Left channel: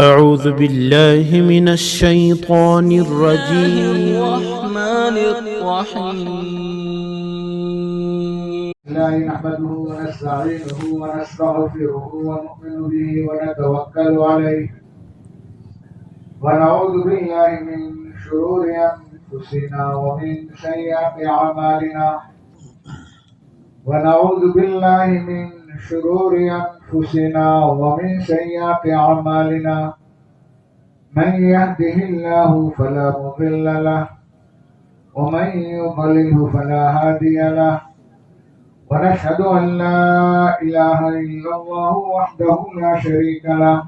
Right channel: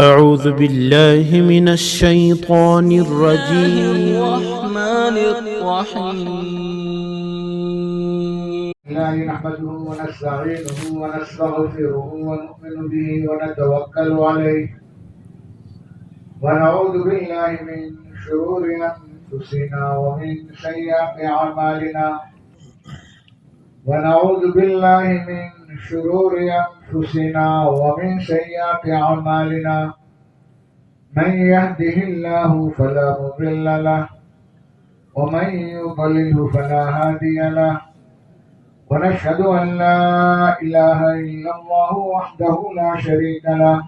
أعوذ بالله من الشيطان الرجيم. الرحمن الرحيم. لا نحمده ونستعينه ونستغفره ونؤمن به ونتوكل عليه ونعوذ بالله من شرور أنفسنا ومن سيئات أعمالنا ونعوذ بالله من شرور أنفسنا ومن سيئات أعمالنا من يهده الله فلا مضل له ومن يضلله فلا هادي له ونشهد أن لا إله إلا الله وحده لا شريك له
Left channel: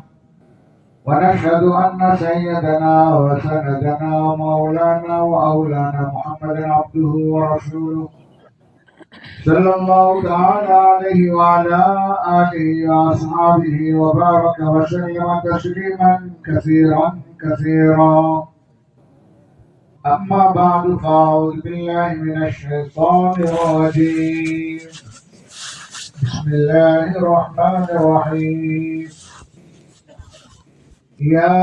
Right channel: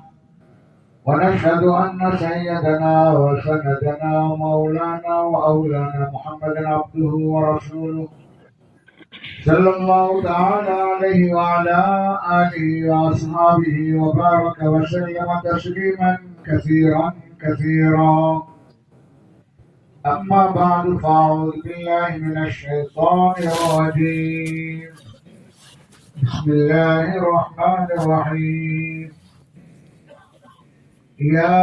ونشهد أن سيدنا وسندنا ومولانا وأولانا محمد عبده ورسوله صلى الله تعالى عليه وعلى آله وأصحابه وبارك وسلم تسليما كثيرا كثيرا. أما بعد فأعوذ بالله من الشيطان الرجيم. بسم الله الرحمن الرحيم. يا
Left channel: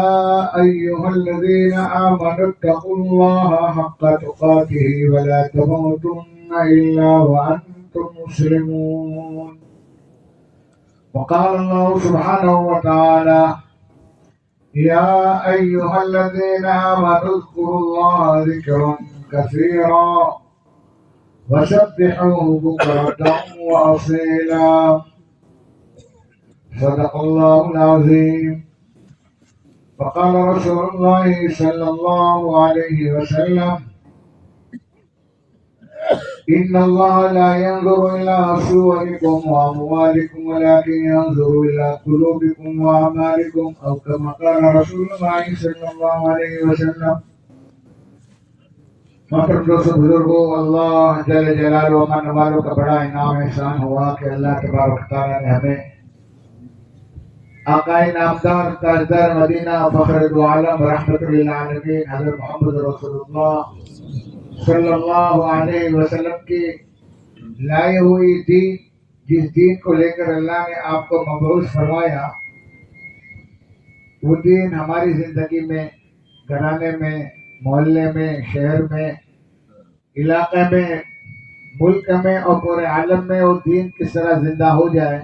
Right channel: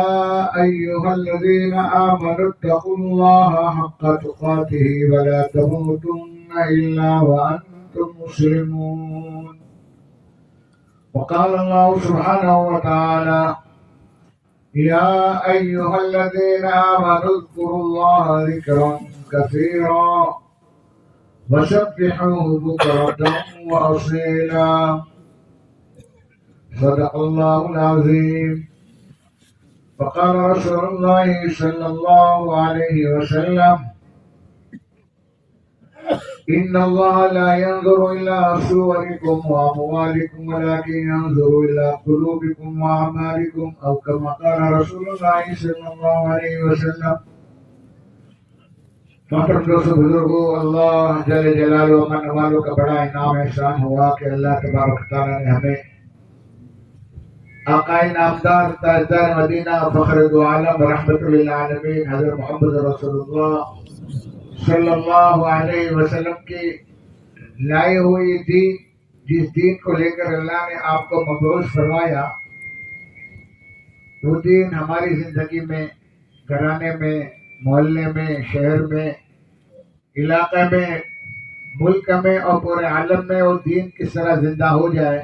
أيها الذين آمنوا اتقوا الله حق تقاته ولا تموتن إلا وأنتم مسلمون. وقال الله سبحانه وتعالى يا أيها الذين آمنوا اذكروا الله ذكرا كثيرا وسبحوه بكرة وأصيلا. صدق الله العظيم. وقال رسول الله صلى الله عليه وسلم إن الله لا ينظر إلى صوركم وأموالكم ولكن ينظر إلى قلوبكم وأعمالكم أو كما قال رسول الله صلى الله عليه وسلم. محترم دوستو بزرگو، اللہ جل جلالہ و من والوں کا بڑا انعام احسان ہوا کہ اللہ تبارک تعالیٰ نے ہمیں آقائے نامدار تاجدار مدینہ فخر دو عالم رحمت للعالمین حضرت محمد رسول اللہ صلی اللہ علیہ وسلم کی لائے ہوئی دین، جس دین کو لے کر اللہ نے آپ کو مبعوث فرمایا، وہ دین ہماری زندگی میں، گھرانے میں، محلے میں، شہر میں، علاقے میں، ملک میں اور پورے عالم میں وہ دین کس طرح زندہ ہو جائے،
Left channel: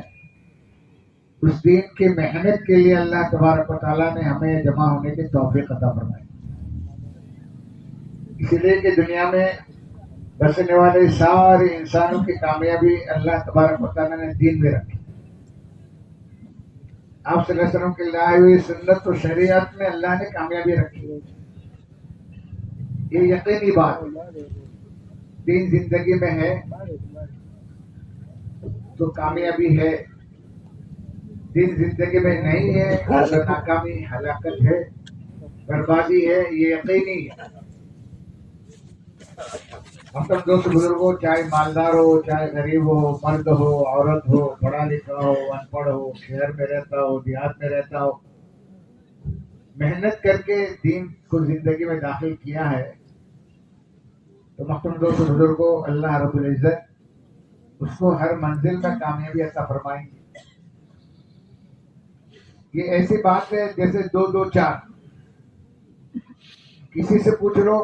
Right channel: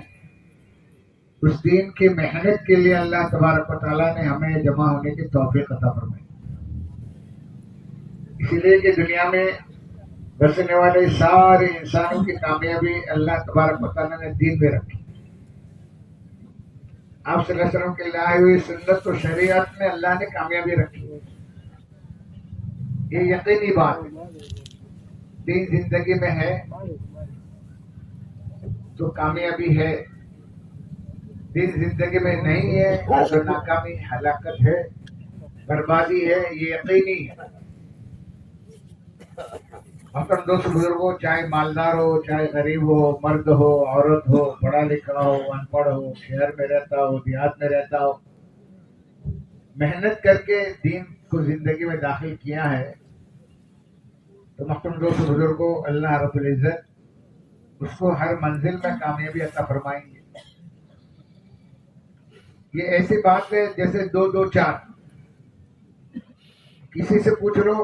اس دین کی محنت کے لیے اللہ تبارک و تعالیٰ نے ہمیں جمع ہونے کی توفیق عطا فرمائی. اسی لیے کہ دنیا میں بسنے والے سارے انسانوں کی کامیابی اللہ تبارک و تعالیٰ نے دین میں رکھی. آپ صلی اللہ علیہ وسلم کے لائے ہوئی سنت و شریعت میں اللہ نے کامیابی رکھی. یہ یقینی بات ہے. دین زندگی میں ہے تو کامیابی ہے، دین زندگی میں نہیں ہے تو ناکامی، ہلاکت ہے، بربادی ہے. یہ یقینی ہے. محترم دوست بزرگوں، چاہے مالدار ہو، چاہے غریب ہو، مرد ہو، عورت ہو، پڑھا لکھا ہو، ان پڑھ ہو، شہر میں رہتا ہو، دیہات میں رہتا ہو، محنت کر کے دین کو زندگی میں داخل کیا ہے تو محترم دوست بزرگوں، اللہ رب العزت اس کو ہر منزل میں کامیابی عطا فرمائیں گے. یہ ایسی بات ہے جیسے 2 2 4. کسی سے پوچھ لو،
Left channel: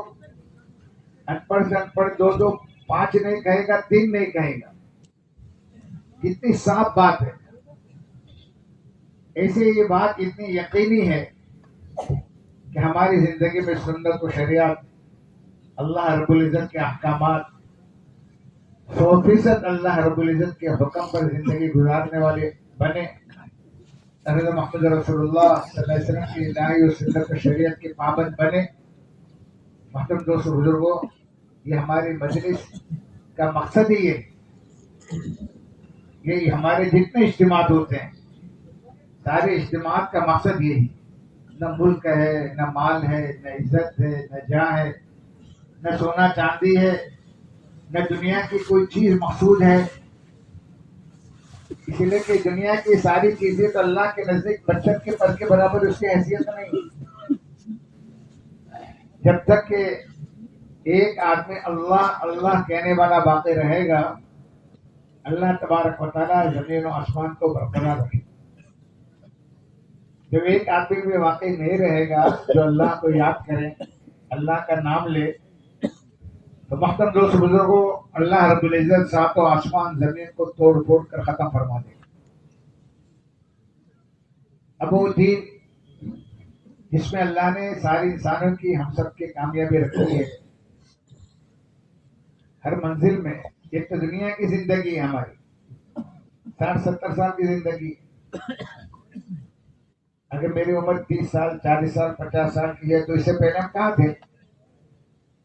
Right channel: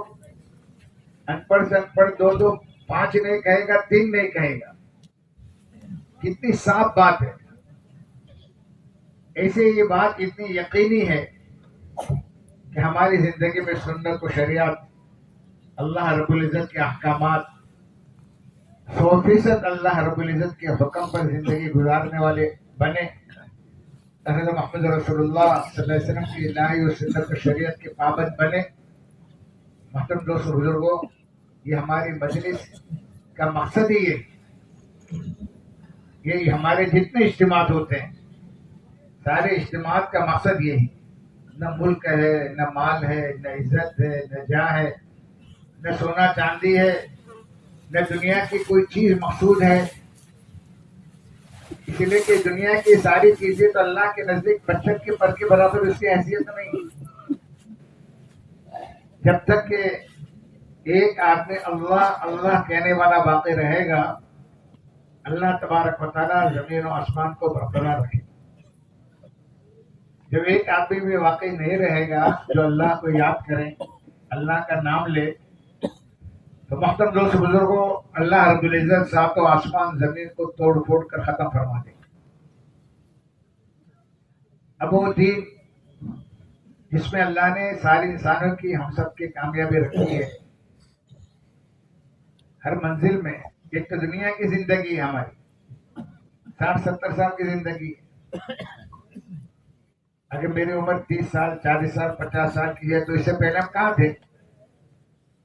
ان پڑھ سے ان پڑھ 2 2 5 نہیں کہے گا، 3 نہیں کہے گا. کتنی صاف بات ہے. ایسے یہ بات اتنی یقینی ہے کہ ہماری زندگی میں سنت و شریعت، اللہ رب العزت کے احکامات، 100% اللہ رب العزت کے حکم پر زندگی گزارنے والے بنے. حضرت محمد رسول اللہ صلی اللہ علیہ وسلم کی لائی و سنت و شریعت کے پابند بنے. محترم دوست بزرگوں، یہ ہماری مجلس کا مقصد ہی ہے. یہ ہمارے جتنے اجتماعات ہوتے ہیں، سارے اجتماعات کا مقصد یہی. نہ ملک ہے، نہ مال ہے، نہ عزت ہے، نہ جاں ہے، نہ سونا چاندی ہے، نہ دنیا کی کوئی چیز مقصود ہے. اس لیے کہ دنیا کی ساری چیزیں تو اللہ کے نزدیک بچت کے پر کے برابر اس کی حیثیت نہیں. جب تک کہ ایک آدمی اللہ اللہ کہنے والا باقی رہے گا، اللہ تبارک و تعالیٰ زمین و آسمان کو برقرار رکھے. جب ایک آدمی بھی واقعی نہیں رہے گا جو اللہ کو یاد کرے، اللہ کا نام لے، تو محترم دوست بزرگوں، اللہ رب العزت ساتوں آسمان زمین کو توڑ پھوڑ کر ختم فرما دے گا۔ اب وہ دین جس میں اللہ نے ساری انسانوں کی، ہم سب کی کامیابی رکھی ہے، ہر منزل میں، ایک تو دنیا کی زندگی ہے ہماری، 60-70 سال کی زندگی۔ اگر میری عمر 30 سال، 40 سال، 50 سال کی ہے تو اس سے پہلے ہم کہاں تھے؟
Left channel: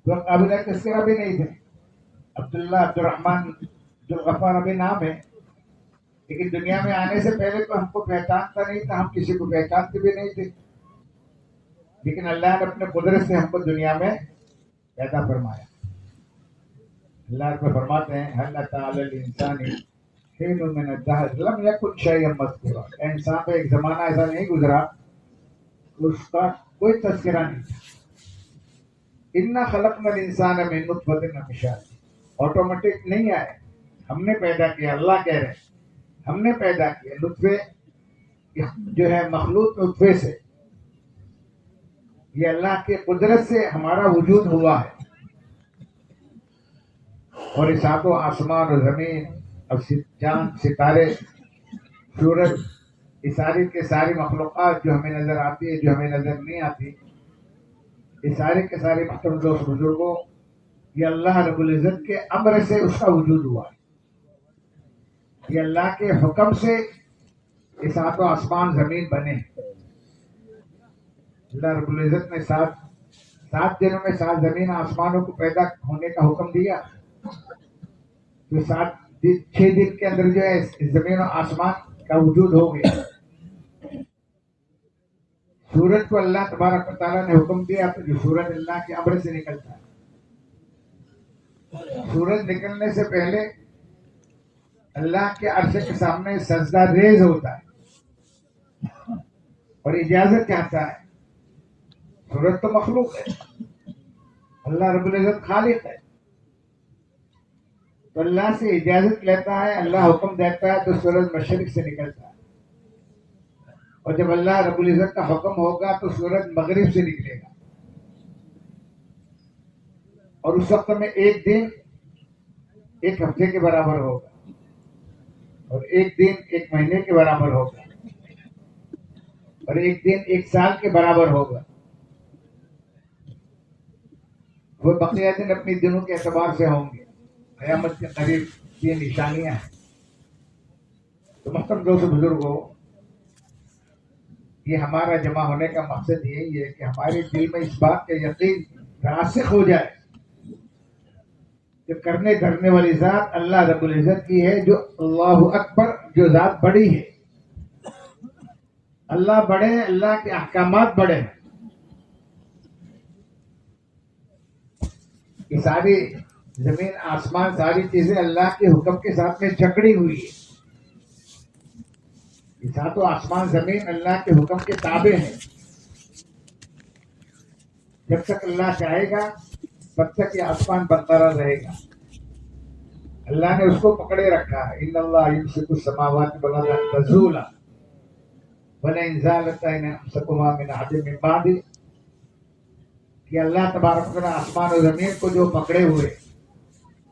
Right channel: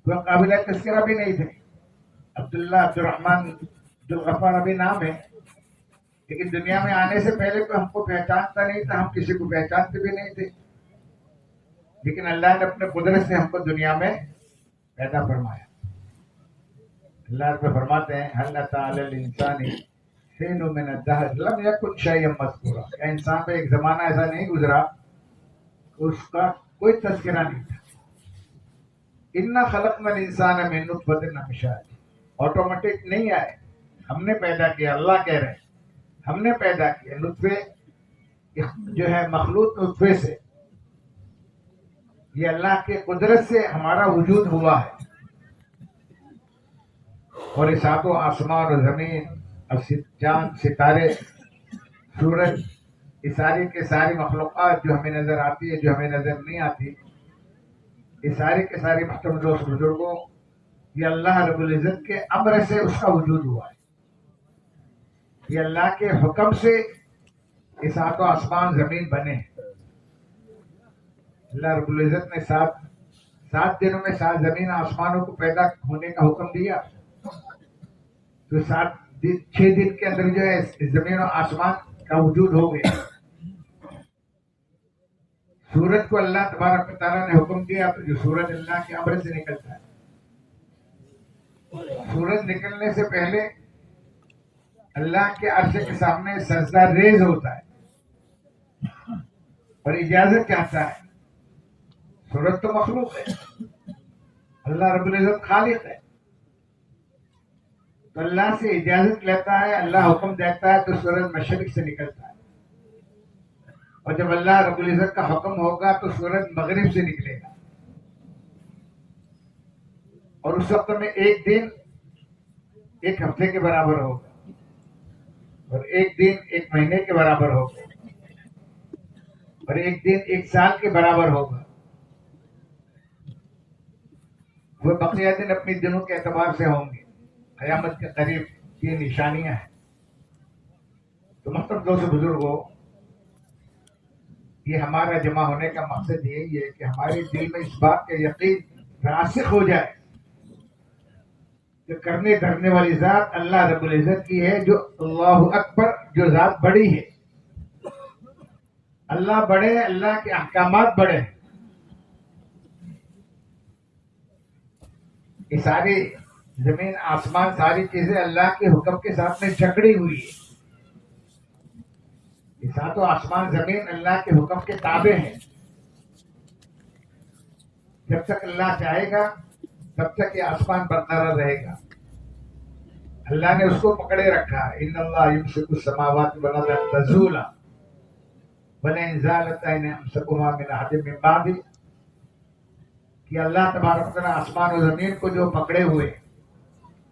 کوئی قابل تذکرہ بھی نہیں تھے۔ عبداللہ، عبدالرحمن، عبدالغفار ابھی نام ہے، لیکن دنیا میں آنے سے پہلے تو ہم کو پہچانتا نہیں تھا، ہم کسی کو پہچانتے بھی نہیں تھے، لیکن اللہ نے اپنے قدرت سے ہم کو دنیا میں پیدا فرمایا۔ اللہ میں فرماتے ہیں هل أتى على الإنسان حين من الدهر لم يكن شيئا مذكورا، کہ انسان پہ ایک زمانہ ایسا نہیں گزرا اس کا کوئی تذکرہ نہیں تھا۔ انا خلقنا الانسان من نطفة امشاج، آٹومیٹک نہیں آئے، ہم نے پیدا کیا، اللہ کہہ رہے ہیں ہم نے پیدا کیا نطفے، جو ہے مخلوق نطفے سے، یہ اللہ کے قدرت سے ہمارا وجود ہوا ہے۔ اور اس ساتوں آسمان اور زمین اور چاند، ستارے، سورج، یہ ساری کے ساری مخلوقات جو ہمیں نظر آتی ہے، جو ہمیں نظر نہیں آتی، یہ سارے کے سارے محترم دوست بزرگوں، یہ اللہ رب العزت کے امر سے اس کا وجود ہوا ہے۔ یہ اللہ کے حکم سے یہ ساتوں آسمان زمین بنے ہیں۔ اللہ رب العزت نے سات دنوں میں 7 زمین آسمانوں کو پیدا ہونے کا حکم دیا، تو 6 دن کے اندر جو ہے زمین و آسمان کا وجود ہو گیا۔ سورج کو اللہ تبارک و تعالیٰ نے حکم دیا، تو جو سورج اللہ کے امر سے نکلتا ہے، سورج نکلنے سے پہلے اللہ کے عرش کے سامنے سجدہ ریز ہوتا ہے اور اجازت چاہتا ہے۔ سورج تو مخلوق ہے، اللہ رب العزت خالق ہے، تو اللہ سے اجازت لیتا ہے، اللہ حکم دیتا ہے تو سورج مشرق سے نکلتا ہے، اور جب اللہ رب العزت کا حکم ہوگا تو سورج مغرب سے نکلے گا، اور اس وقت میں ایک دن 1 ہفتے کے برابر ہوگا، اور ایک دن 1 مہینے کے برابر ہوگا، اور ایک دن 1 سال کے برابر ہوگا۔ وہ بقیہ دن اپنی دنوں کے اعتبار سے ہوں گے، قیامت کے قریب یہ نشانیاں ہیں۔ تو محترم دوست بزرگوں، یہ ہمارا جمع ہونے کا مقصد یہی ہے کہ ہمارے دل میں اس بات کا یقین راسخ ہو جائے کہ کرنے دھرنے والی ذات اللہ رب العزت کی ہے، جو اللہ اکبر، جو ذات بڑی ہے۔ اللہ بڑے ہیں، اللہ کے احکامات بڑے ہیں۔ یہ ساری زمین، آسمان، ساری چیزیں اللہ کے حکم کے ساتھ میں جکڑی ہوئی ہے۔ یہ ساتوں آسمان زمین اللہ کے حکم کے تابع ہیں۔ جب تک اللہ چاہے گا تب تک یہ آسمان برقرار رہے گا۔ اللہ نے اس کو پکڑے رکھا ہے۔ ان اللہ یمسک السماوات والارض ان تزولا ولئن زالتا ان امسکہما من احد من بعدہ، کہ اللہ تبارک و تعالیٰ آسمان و زمین کو جو پکڑے ہوئے،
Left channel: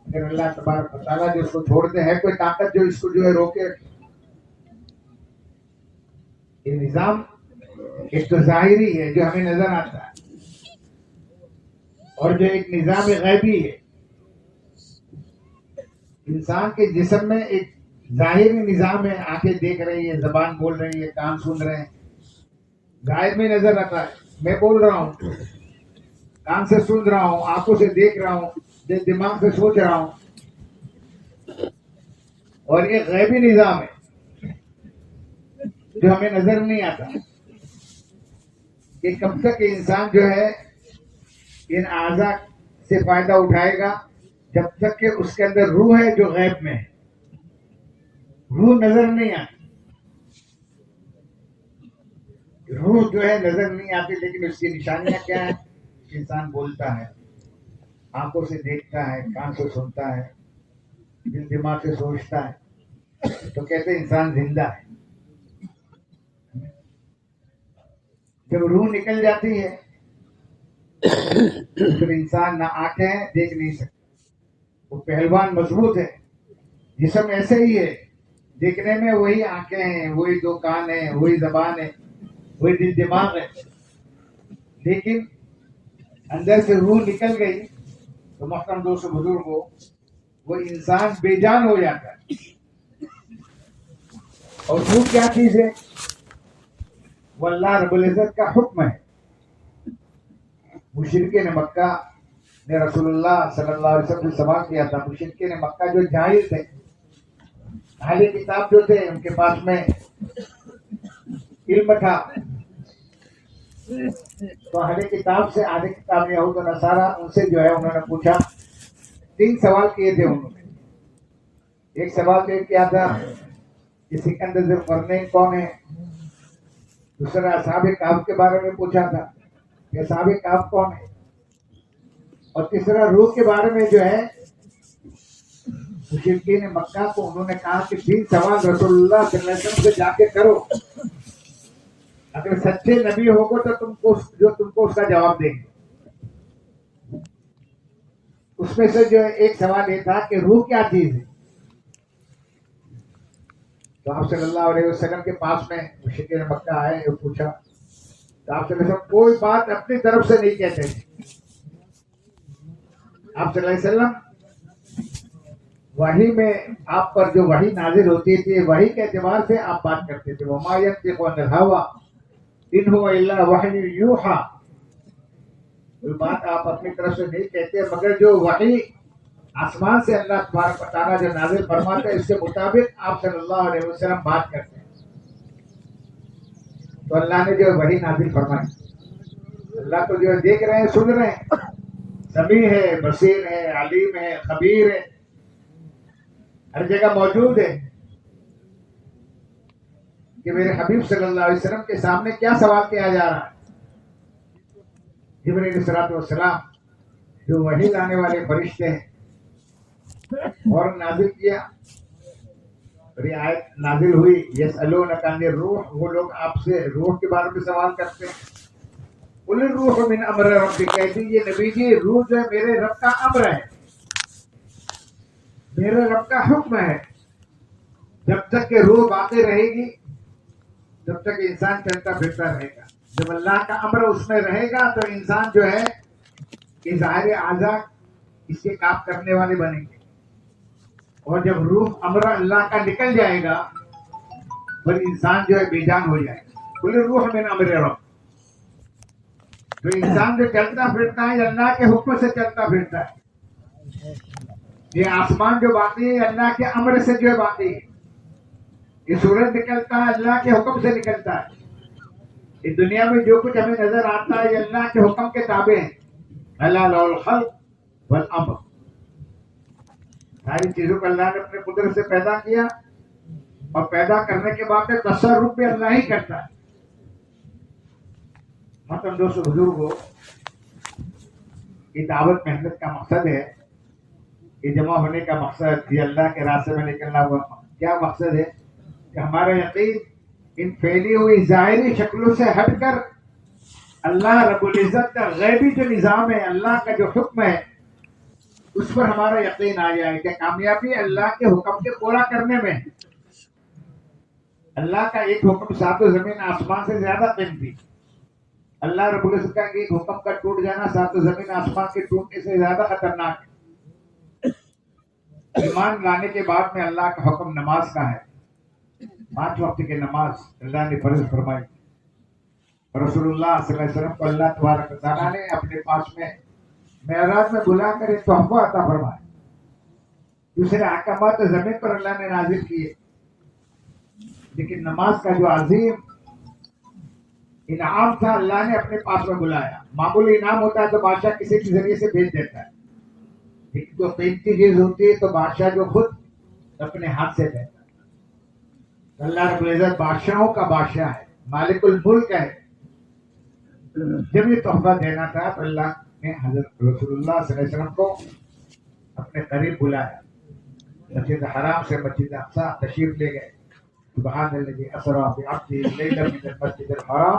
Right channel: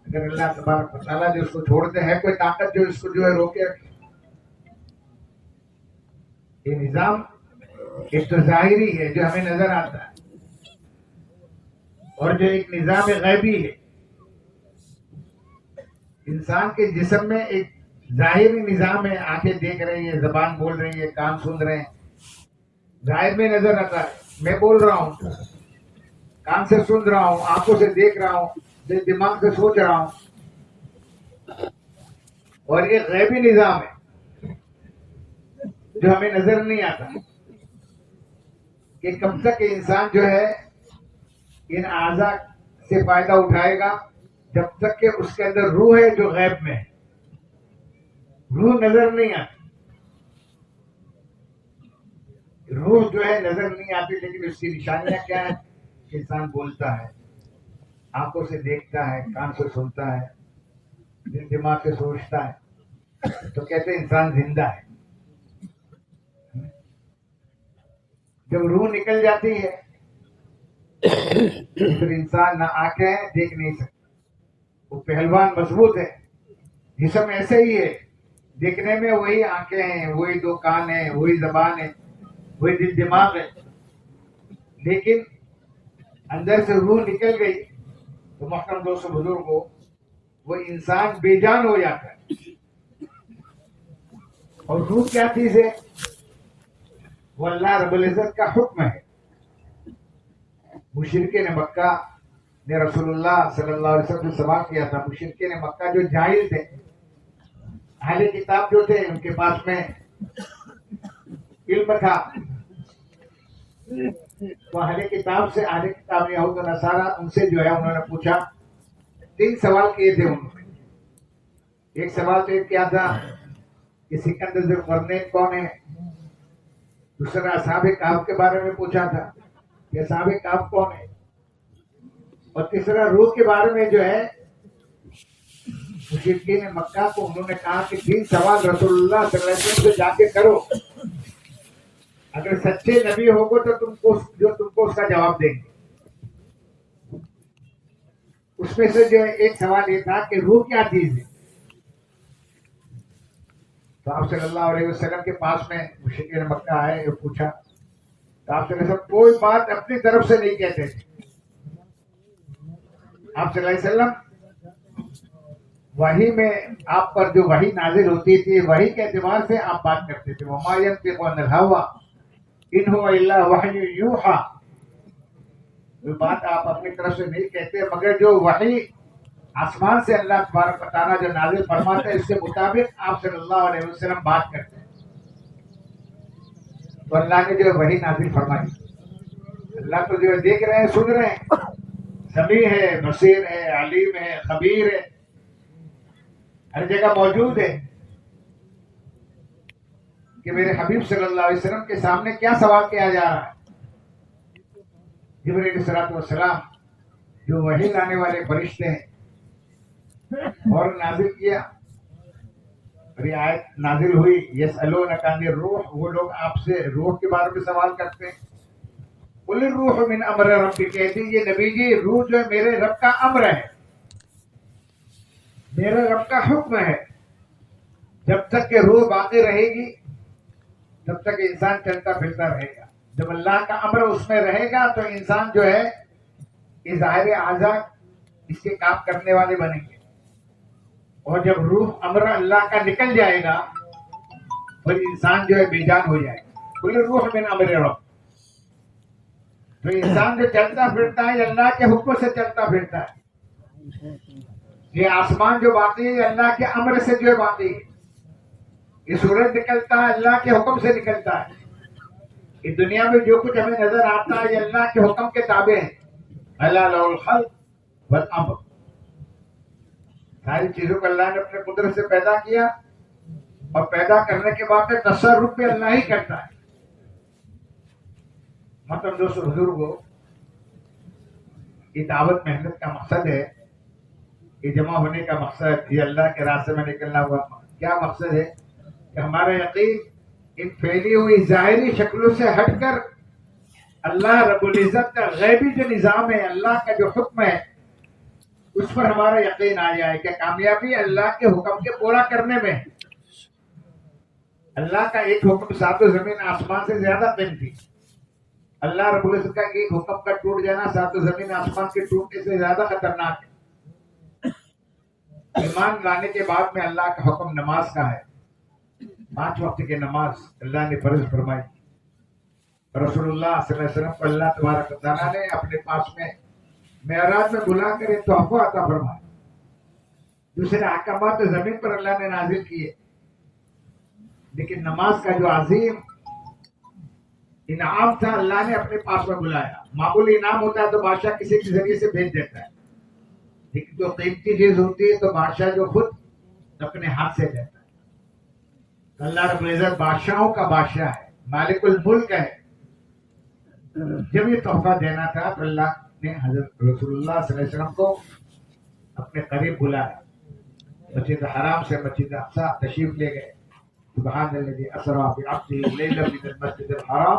اگر اللہ تبارک و تعالیٰ جو اس کو چھوڑتے ہیں، کوئی طاقت جو اس کو جو ہے روکے رکھے۔ یہ نظام ایک تو ظاہری ہے جو ہمیں نظر آتا ہے، اور جو ایک نظام غیبی ہے۔ انسان کے جسم میں ایک ظاہری نظام ہے، آنکھیں دیکھ رہی ہیں، زبان بول رہی ہے، کان سن رہے ہیں، ظاہر میں نظر آتا ہے۔ میں بول رہا ہوں، کان سے سن رہا ہوں، آنکھوں سے دیکھ رہا ہوں، دماغ سے سوچ رہا ہوں، اور ایک غیبی نظام ہے جو ہمیں نظر نہیں آتا، کہ کب تک انسان جو ہے ان اعضاء سے فائدہ اٹھائے گا، جب تک کہ اس کے اندر روح ہے جو غیب میں ہے۔ روح نظر نہیں آتی، روح جو ہے نظر نہیں آتی، لیکن اس کی نشانیاں کیا ہیں؟ کہ انسان بولتا ہے، آنکھوں سے دیکھتا ہے، کان سے سنتا ہے، دل دماغ سے سوچتا ہے، تو کہتے ہیں انسان زندہ ہے۔ جب روح نکل جاتی ہے پھر انسان نہ آنکھیں دیکھ نہیں سکتا. وہ پہلوان مضبوط ہے، جسم ایسے ہی ہے، دیکھنے میں وہی آنکھیں ہیں، وہی دو کان ہیں، وہی زبان ہے، وہی دل دماغ ہے، لیکن اندر سے روح نکل گئی تو محترم دوستو بزرگوں وہ انسان بے جان ہو جاتا ہے. اور روح کیا چیز ہے؟ وہ اللہ رب العزت کا حکم ہے. مشرکین مکہ نے رسول اللہ صلی اللہ علیہ وسلم سے سوال کیا تھا. مشرکین مکہ جو جاہل تھے، اہل کتاب جو تھے، ان کے پاس میں علم تھا، تو اہل کتاب سے، اہل کتاب یہود و نصارہ، ان سے جو ہے انہوں نے پوچھا. 3 سوال کیے تھے انہوں نے. ایک سوال تو کیا تھا کہ سکندر ذوالقرنین کون ہے. دوسرا اصحاب کہف کے بارے میں پوچھا تھا کہ اصحاب کہف کون ہے. اور تیسرا روح کے بارے میں جو ہے مشرکین مکہ کو انہوں نے کہا کہ 3 سوال رسول اللہ صلی اللہ علیہ وسلم سے جا کے کرو، اگر سچے نبی ہوگو تو تم کو اس کا جواب دیں گے. اس میں سے جو ہے ایک سوال یہ تھا کہ روح کیا چیز ہے. تو آپ صلی اللہ علیہ وسلم کے پاس میں مشرکین مکہ آئے اور پوچھا تو آپ صلی اللہ علیہ وسلم کوئی بات اپنی طرف سے نہیں کہتے تھے. آپ صلی اللہ علیہ وسلم وحی میں آپ پر جو وحی نازل ہوتی تھی، وحی کے اعتبار سے آپ بات کرتے تھے. وما ينطق عن الهوى ان هو الا وحی یوحى. کوئی بات آپ اپنی طرف سے نہیں کہتے مگر جو وحی آسمان سے اللہ تبارک و تعالیٰ جو نازل فرماتے ہیں اس کے مطابق آپ صلی اللہ علیہ وسلم بات کرتے ہیں. تو اللہ نے جو وحی نازل فرمائی، اللہ تو جو دیکھ رہے ہیں، سن رہے ہیں، سمیع ہے، بصیر ہے، علیم ہے، خبیر ہے، ہر جگہ موجود ہے. کہ میرے حبیب صلی اللہ علیہ وسلم کے سامنے کیا سوال کیا جا رہا ہے. جبرائیل علیہ الصلوۃ والسلام جو وحی لانے والے فرشتے ہیں اور نازل کیا. اور یہ آیت نازل ہوئی یسألونک عن الروح، وہ لوگ آپ سے روح کے بارے میں سوال کرتے ہیں. قل الروح من امر ربی، کہتی یہ نبی جی روح جو ہے میرے رب کا امر ہے، میرے رب کا حکم ہے. جب تک کہ روح باقی رہے گی تب تک انسان چلتا پھرتا رہے گا. جب اللہ کا امر اس میں رہے گا تو انسان جو ہے کہ ظاہر اعضاء اس کے کام کرنے والے بنیں گے. اور جب روح امر اللہ کا نکل جائے گا پھر انسان جو ہے بے جان ہو جائے گا. قل الروح من امر رب، تو انسان جو چلتا پھرتا ہے اللہ کے حکم سے چلتا پھرتا ہے. یہ آسمان جو باقی ہے اللہ کے امر سے جو ہے باقی ہے. یہ سورج نکلتا ہے اللہ کے حکم سے نکلتا ہے. اس دنیا میں جو کچھ ہمیں نظر آتا ہے یہ اللہ کے حکم کے تابع ہے. اللہ لہ الخلق والامر، ساری چیزوں کو اللہ نے اپنے قدرت سے پیدا کیا اور پیدا کرنے کے بعد میں تصرف بھی اللہ ہی کرتا ہے. مطلب دوستو بزرگوں، یہ دعوت محنت کا مقصد ہے، یہ جمع ہونے کا مقصد، یہ اللہ کے راستے میں نکلنا ہوا کیا مقصد ہے کہ ہمارا یقین ان پھیلی ہوئی ظاہری شکلوں سے ہٹ کر اللہ رب العزت کا غیبی جو نظام ہے، اللہ کا جو حکم ہے اس پر ہمارا یقین آ جائے کہ کامیابی اللہ کے حکم کے پورا کرنے میں. اللہ کا ایک حکم 7 زمین آسمان سے زیادہ قیمتی. اللہ رب العزت کا ایک حکم کا ٹوٹ جانا 7 زمین آسمان کے ٹوٹنے سے زیادہ خطرناک ہے. ایمان لانے کے بعد میں اللہ کا حکم نماز کا ہے. 5 وقت کی نماز اللہ نے فرض فرمائی. رسول اللہ صلی اللہ علیہ وسلم کو اللہ تبارک و تعالیٰ نے اپنے پاس میں معراج میں بلا کر ایک تحفہ عطا فرمایا. دوسرے احکامات زمین پر اللہ نے نازل کیے، لیکن نماز کا جو عظیم انعام تھا اللہ نے اپنے پاس میں بلایا. معمولی انعام ہوتا ہے تو بادشاہ کسی کے ذریعے سے بھیج دیتا ہے، لیکن جو قیمتی چیز ہوتی ہے تو بادشاہ جو خود اپنے ہاتھ سے دیتا ہے. اللہ رب العزت بادشاہوں کا بادشاہ ہے، مالک الملک ہے. جب یہ تحفہ دینا تھا تو اللہ نے حضرت رسول اللہ صلی اللہ علیہ وسلم کو اپنے قریب بلایا. مسجد حرام سے مسجد اقصی تشریف لے گئے. سبحان الذی اسری بعبدہ لیلا من المسجد الحرام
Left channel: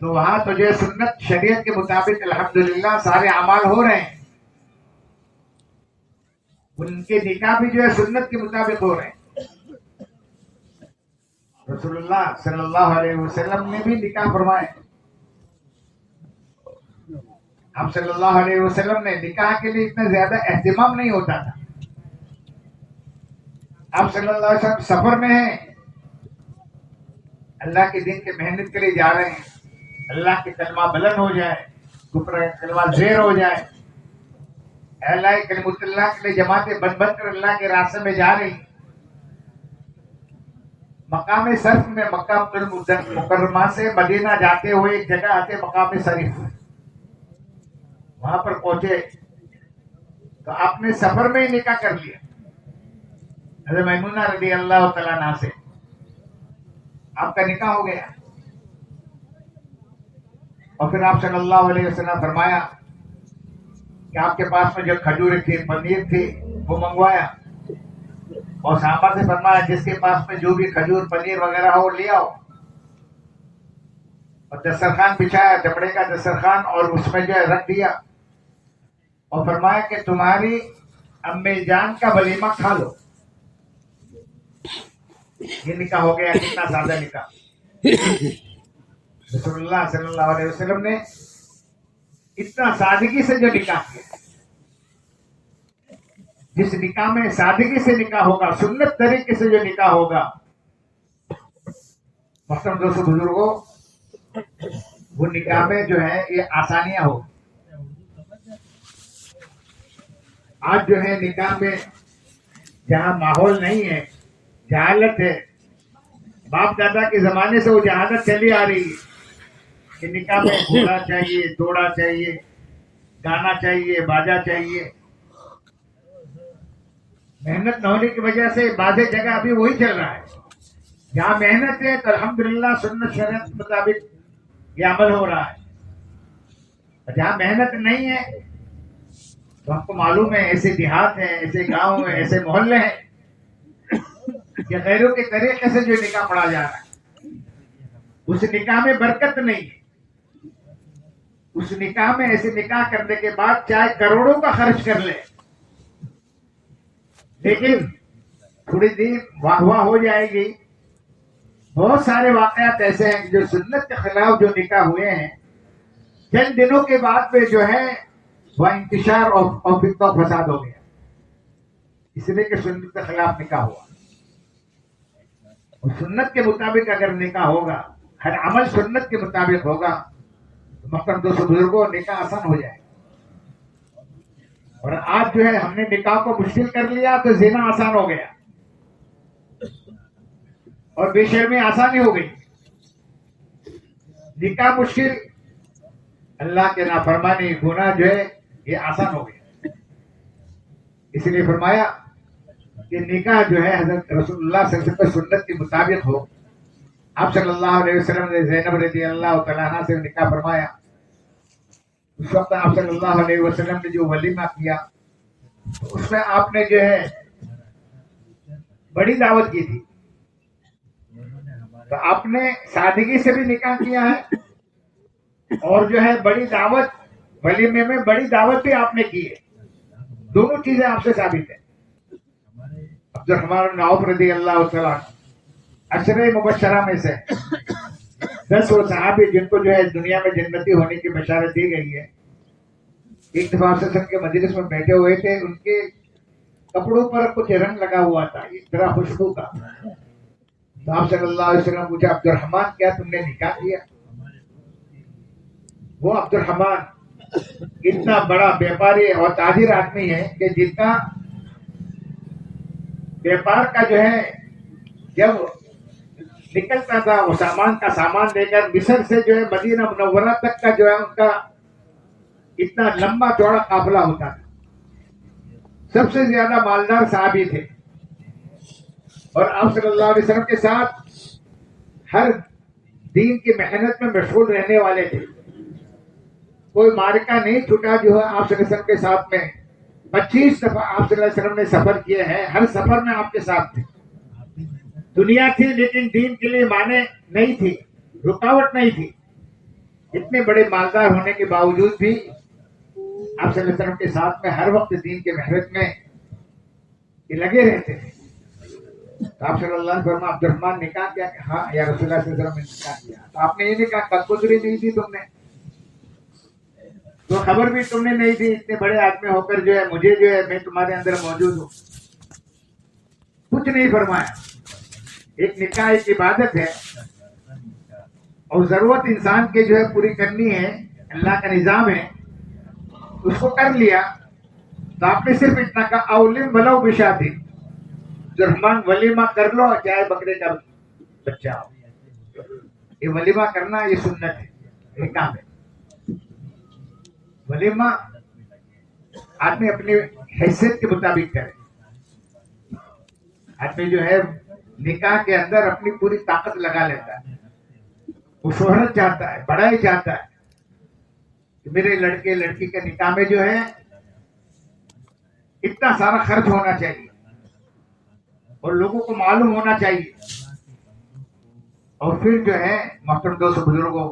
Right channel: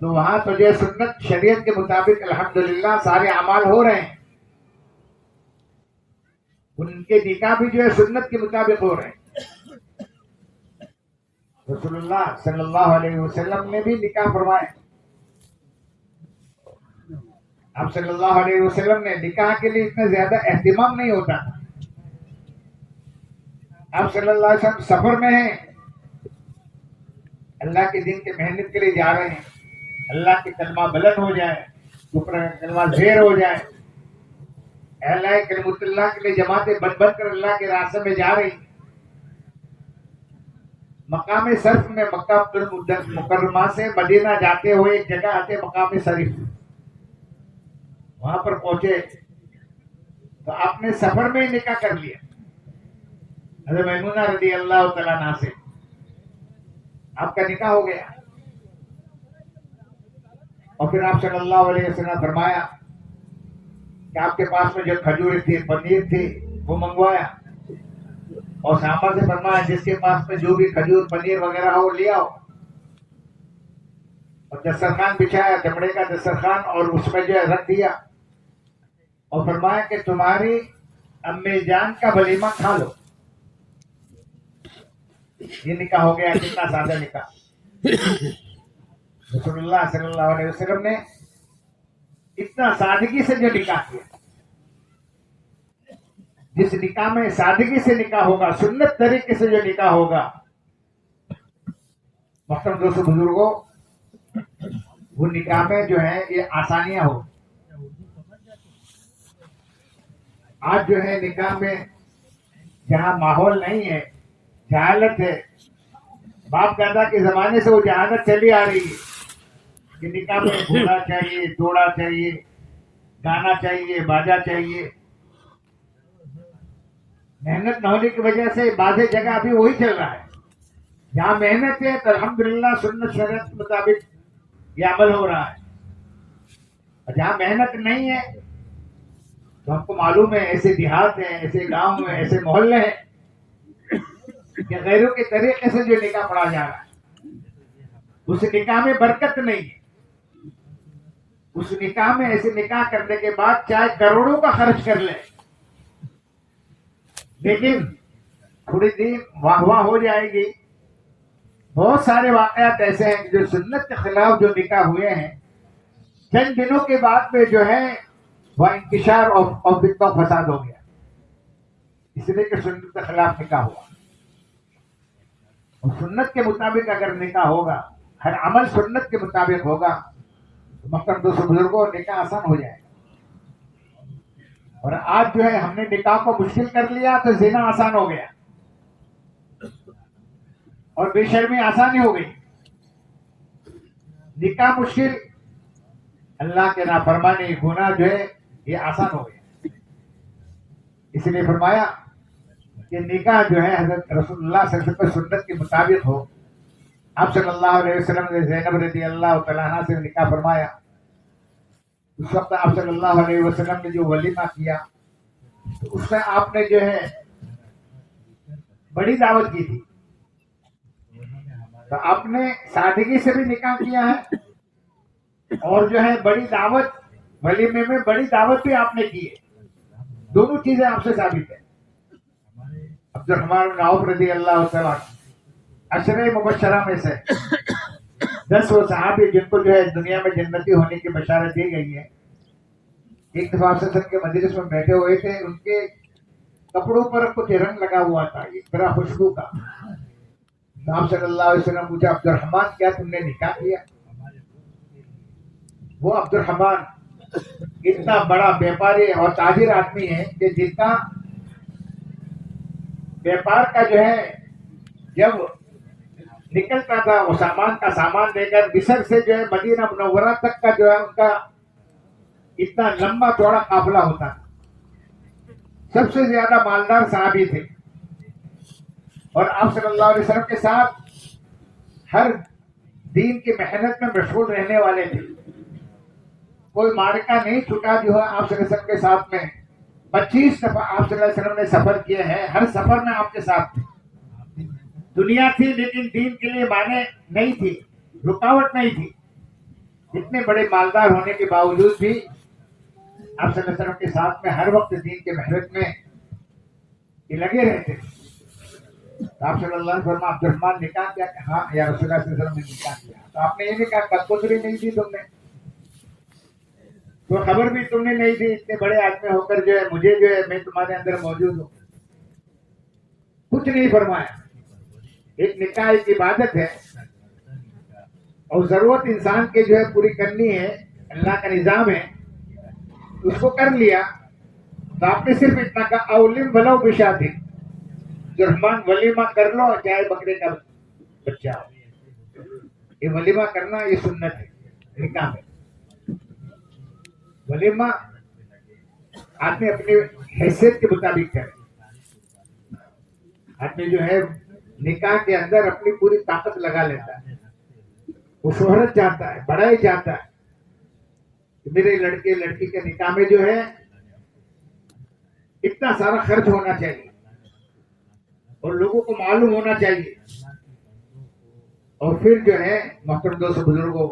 تو وہاں تو جو ہے سنت شریعت کے مطابق الحمدللہ سارے اعمال ہو رہے ہیں، ان کے نکاح بھی جو ہے سنت کے مطابق ہو رہے ہیں۔ رسول اللہ صلی اللہ علیہ وسلم نے بھی نکاح فرمائے۔ آپ صلی اللہ علیہ وسلم نے نکاح کے لیے اتنا زیادہ اہتمام نہیں ہوتا تھا۔ آپ صلی اللہ علیہ وسلم سفر میں ہیں، اللہ کے دین کے محنت کے لیے جا رہے ہیں، اللہ کے کلمہ بلند ہو جائے، کفر کا کلمہ زیر ہو جائے، اللہ کلمۃ اللہ کے لیے جماعتیں بن بن کر اللہ کے راستے میں جا رہی۔ مقام صرف میں مکہ مکرمہ سے مدینہ جاتے ہوئے ایک جگہ آتے مقام صرف، وہاں پر پہنچے تو آپ نے سفر میں ہی نکاح کر لیا حضرت میمونہ رضی اللہ تعالیٰ عنہا سے، آپ کا نکاح ہو گیا۔ اور پھر آپ صلی اللہ علیہ وسلم فرمایا کہ آپ کے پاس میں جو کھجور تھی، پنیر تھی، وہ منگوایا، اور صحابہ سے فرمایا جس کے پاس میں جو بھی کھجور پنیر وغیرہ ہو لے آؤ، اور دسترخوان بچھایا، چمڑے کا دسترخوان، اور اس میں جو ہے رکھ دیا، اور فرمایا کہ تمہاری امی جان کا ولیمہ کھا لو۔ یہ نکاح ہو گیا، کتنا سادہ نکاح۔ رسول اللہ صلی اللہ علیہ وسلم نے اتنا سادگی سے جو نکاح کیا، جس نکاح میں سادگی سے نکاح ہوگا، سنت طریقے سے جو نکاح ہوگا، محترم دوستو بزرگوں، وہ نکاح میں جو ہے یہ آسانیاں ہو۔ آج جو ہے نکاح میں جہاں ماحول نہیں ہے، جہالت ہے، باپ دادا کے زمانے سے وہ جہالت چلی آ رہی ہے کہ نکاح میں گھوڑا چاہیے، دوڑا چاہیے، گانا چاہیے، باجا چاہیے۔ محنت نہ ہونے کی وجہ سے بعض جگہ ابھی وہی چل رہا ہے۔ جہاں محنت ہے تو الحمدللہ سنت شریعت کے مطابق یہ عمل ہو رہا ہے، اور جہاں محنت نہیں ہے تو ہم کو معلوم ہے ایسے دیہات ہیں، ایسے گاؤں ہیں، ایسے محلے ہیں کہ غیروں کے طریقے سے جو نکاح پڑھا جا رہا ہے، اس نکاح میں برکت نہیں ہے۔ اس نکاح میں ایسے نکاح کرنے کے بعد چاہے کروڑوں کا خرچ کر لے، لیکن تھوڑی دیر واہ واہ ہو جائے گی۔ بہت سارے واقعات ایسے ہیں جو سنت کے خلاف جو نکاح ہوئے ہیں، چند دنوں کے بعد میں جو ہے وہ انتشار اور فتنہ و فساد ہو گیا، اس لیے کہ سنت کے خلاف نکاح ہوا۔ اور سنت کے مطابق اگر نکاح ہوگا، ہر عمل سنت کے مطابق ہوگا، تو محترم دوستو بزرگوں نکاح آسان ہو جائے۔ اور آج جو ہے ہم نے نکاح کو مشکل کر لیا تو زنا آسان ہو گیا، اور بے شرمی آسانی ہو گئی۔ نکاح مشکل، اللہ کے نافرمانی گناہ جو ہے یہ آسان ہو گیا۔ اس لیے فرمایا کہ نکاح جو ہے حضرت رسول اللہ صلی اللہ علیہ وسلم کی سنت کے مطابق ہو۔ آپ صلی اللہ علیہ وسلم نے زینب رضی اللہ تعالیٰ عنہ سے نکاح فرمایا۔ اس وقت آپ صلی اللہ علیہ وسلم نے جو ولیمہ کیا، اس میں آپ نے جو ہے بڑی دعوت کی تھی، تو آپ نے سادگی سے بھی نکاح کیا ہے، اور جو ہے بڑی دعوت، ولیمے میں بڑی دعوت بھی آپ نے کی ہے۔ دونوں چیزیں آپ سے ثابت ہیں۔ عبدالرحمن بن عوف رضی اللہ تعالیٰ عشرہ مبشرہ میں سے 10 وہ صحابی جن کو جو ہے دنیا میں جنتی ہونے کی بشارت دی گئی ہے، ایک دفعہ آپ صلی اللہ علیہ وسلم کے مجلس میں بیٹھے ہوئے تھے، ان کے کپڑوں پر کچھ رنگ لگا ہوا تھا، ایک طرح خوشبو کا۔ تو آپ صلی اللہ علیہ وسلم پوچھا، عبدالرحمن کیا تم نے نکاح کیا؟ وہ عبدالرحمن اتنا بڑا بیپاری اور تاجر آدمی ہے کہ جتنا بیپار کا جو ہے جب نکلتا تھا وہ سامان کا سامان لے کر مصر سے جو ہے مدینہ منورہ تک کا جو ہے ان کا اتنا لمبا چوڑا قافلہ ہوتا تھا۔ سب سے زیادہ مالدار صحابی تھے، اور آپ صلی اللہ علیہ وسلم کے ساتھ ہر دین کی محنت میں مشغول رہنے والے تھے۔ کوئی معرکہ نہیں چھوٹا جو ہے آپ صلی اللہ علیہ وسلم کے ساتھ میں 25 دفعہ آپ صلی اللہ علیہ وسلم نے سفر کیے ہیں، ہر سفر میں آپ کے ساتھ تھے۔ دنیا تھی لیکن دین کے لیے مانے نہیں تھی، رکاوٹ نہیں تھی، اتنے بڑے مالدار ہونے کے باوجود بھی آپ صلی اللہ علیہ وسلم کے ساتھ میں ہر وقت دین کے محنت میں یہ لگے رہتے تھے. تو آپ صلی اللہ علیہ وسلم عبد الرحمن نکاح کیا کہ ہاں یا رسول اللہ صلی اللہ علیہ وسلم نے نکاح کیا. تو آپ نے یہ نہیں کہا کنکوتری نہیں دی تم نے, تو خبر بھی تم نے نہیں دی, اتنے بڑے آدمی ہو کر جو ہے مجھے جو ہے میں تمہارے اندر موجود ہوں, کچھ نہیں فرمایا. ایک نکاح ایک عبادت ہے اور ضرورت انسان کے جو ہے پوری کرنی ہے, اللہ کا نظام ہے, اس کو کر لیا. تو آپ نے صرف اتنا کہا اولم ولو بشاتی, جو رحمان ولیمہ کر لو چاہے بکرے کا بچہ ہو. یہ ولیمہ کرنا یہ سنت ہے, یہ کام ہے. ولیمہ آدمی اپنی حیثیت کے مطابق کرے. آدمی جو ہے نکاح کے اندر اپنی پوری طاقت لگا لیتا ہے, وہ شہرت چاہتا ہے, بڑائی چاہتا ہے کہ میرے لڑکے لڑکی کے نکاح میں جو ہے اتنا سارا خرچ ہونا چاہیے اور لوگوں کو معلوم ہونا چاہیے. اور پھر جو ہے محترم دوست بزرگوں,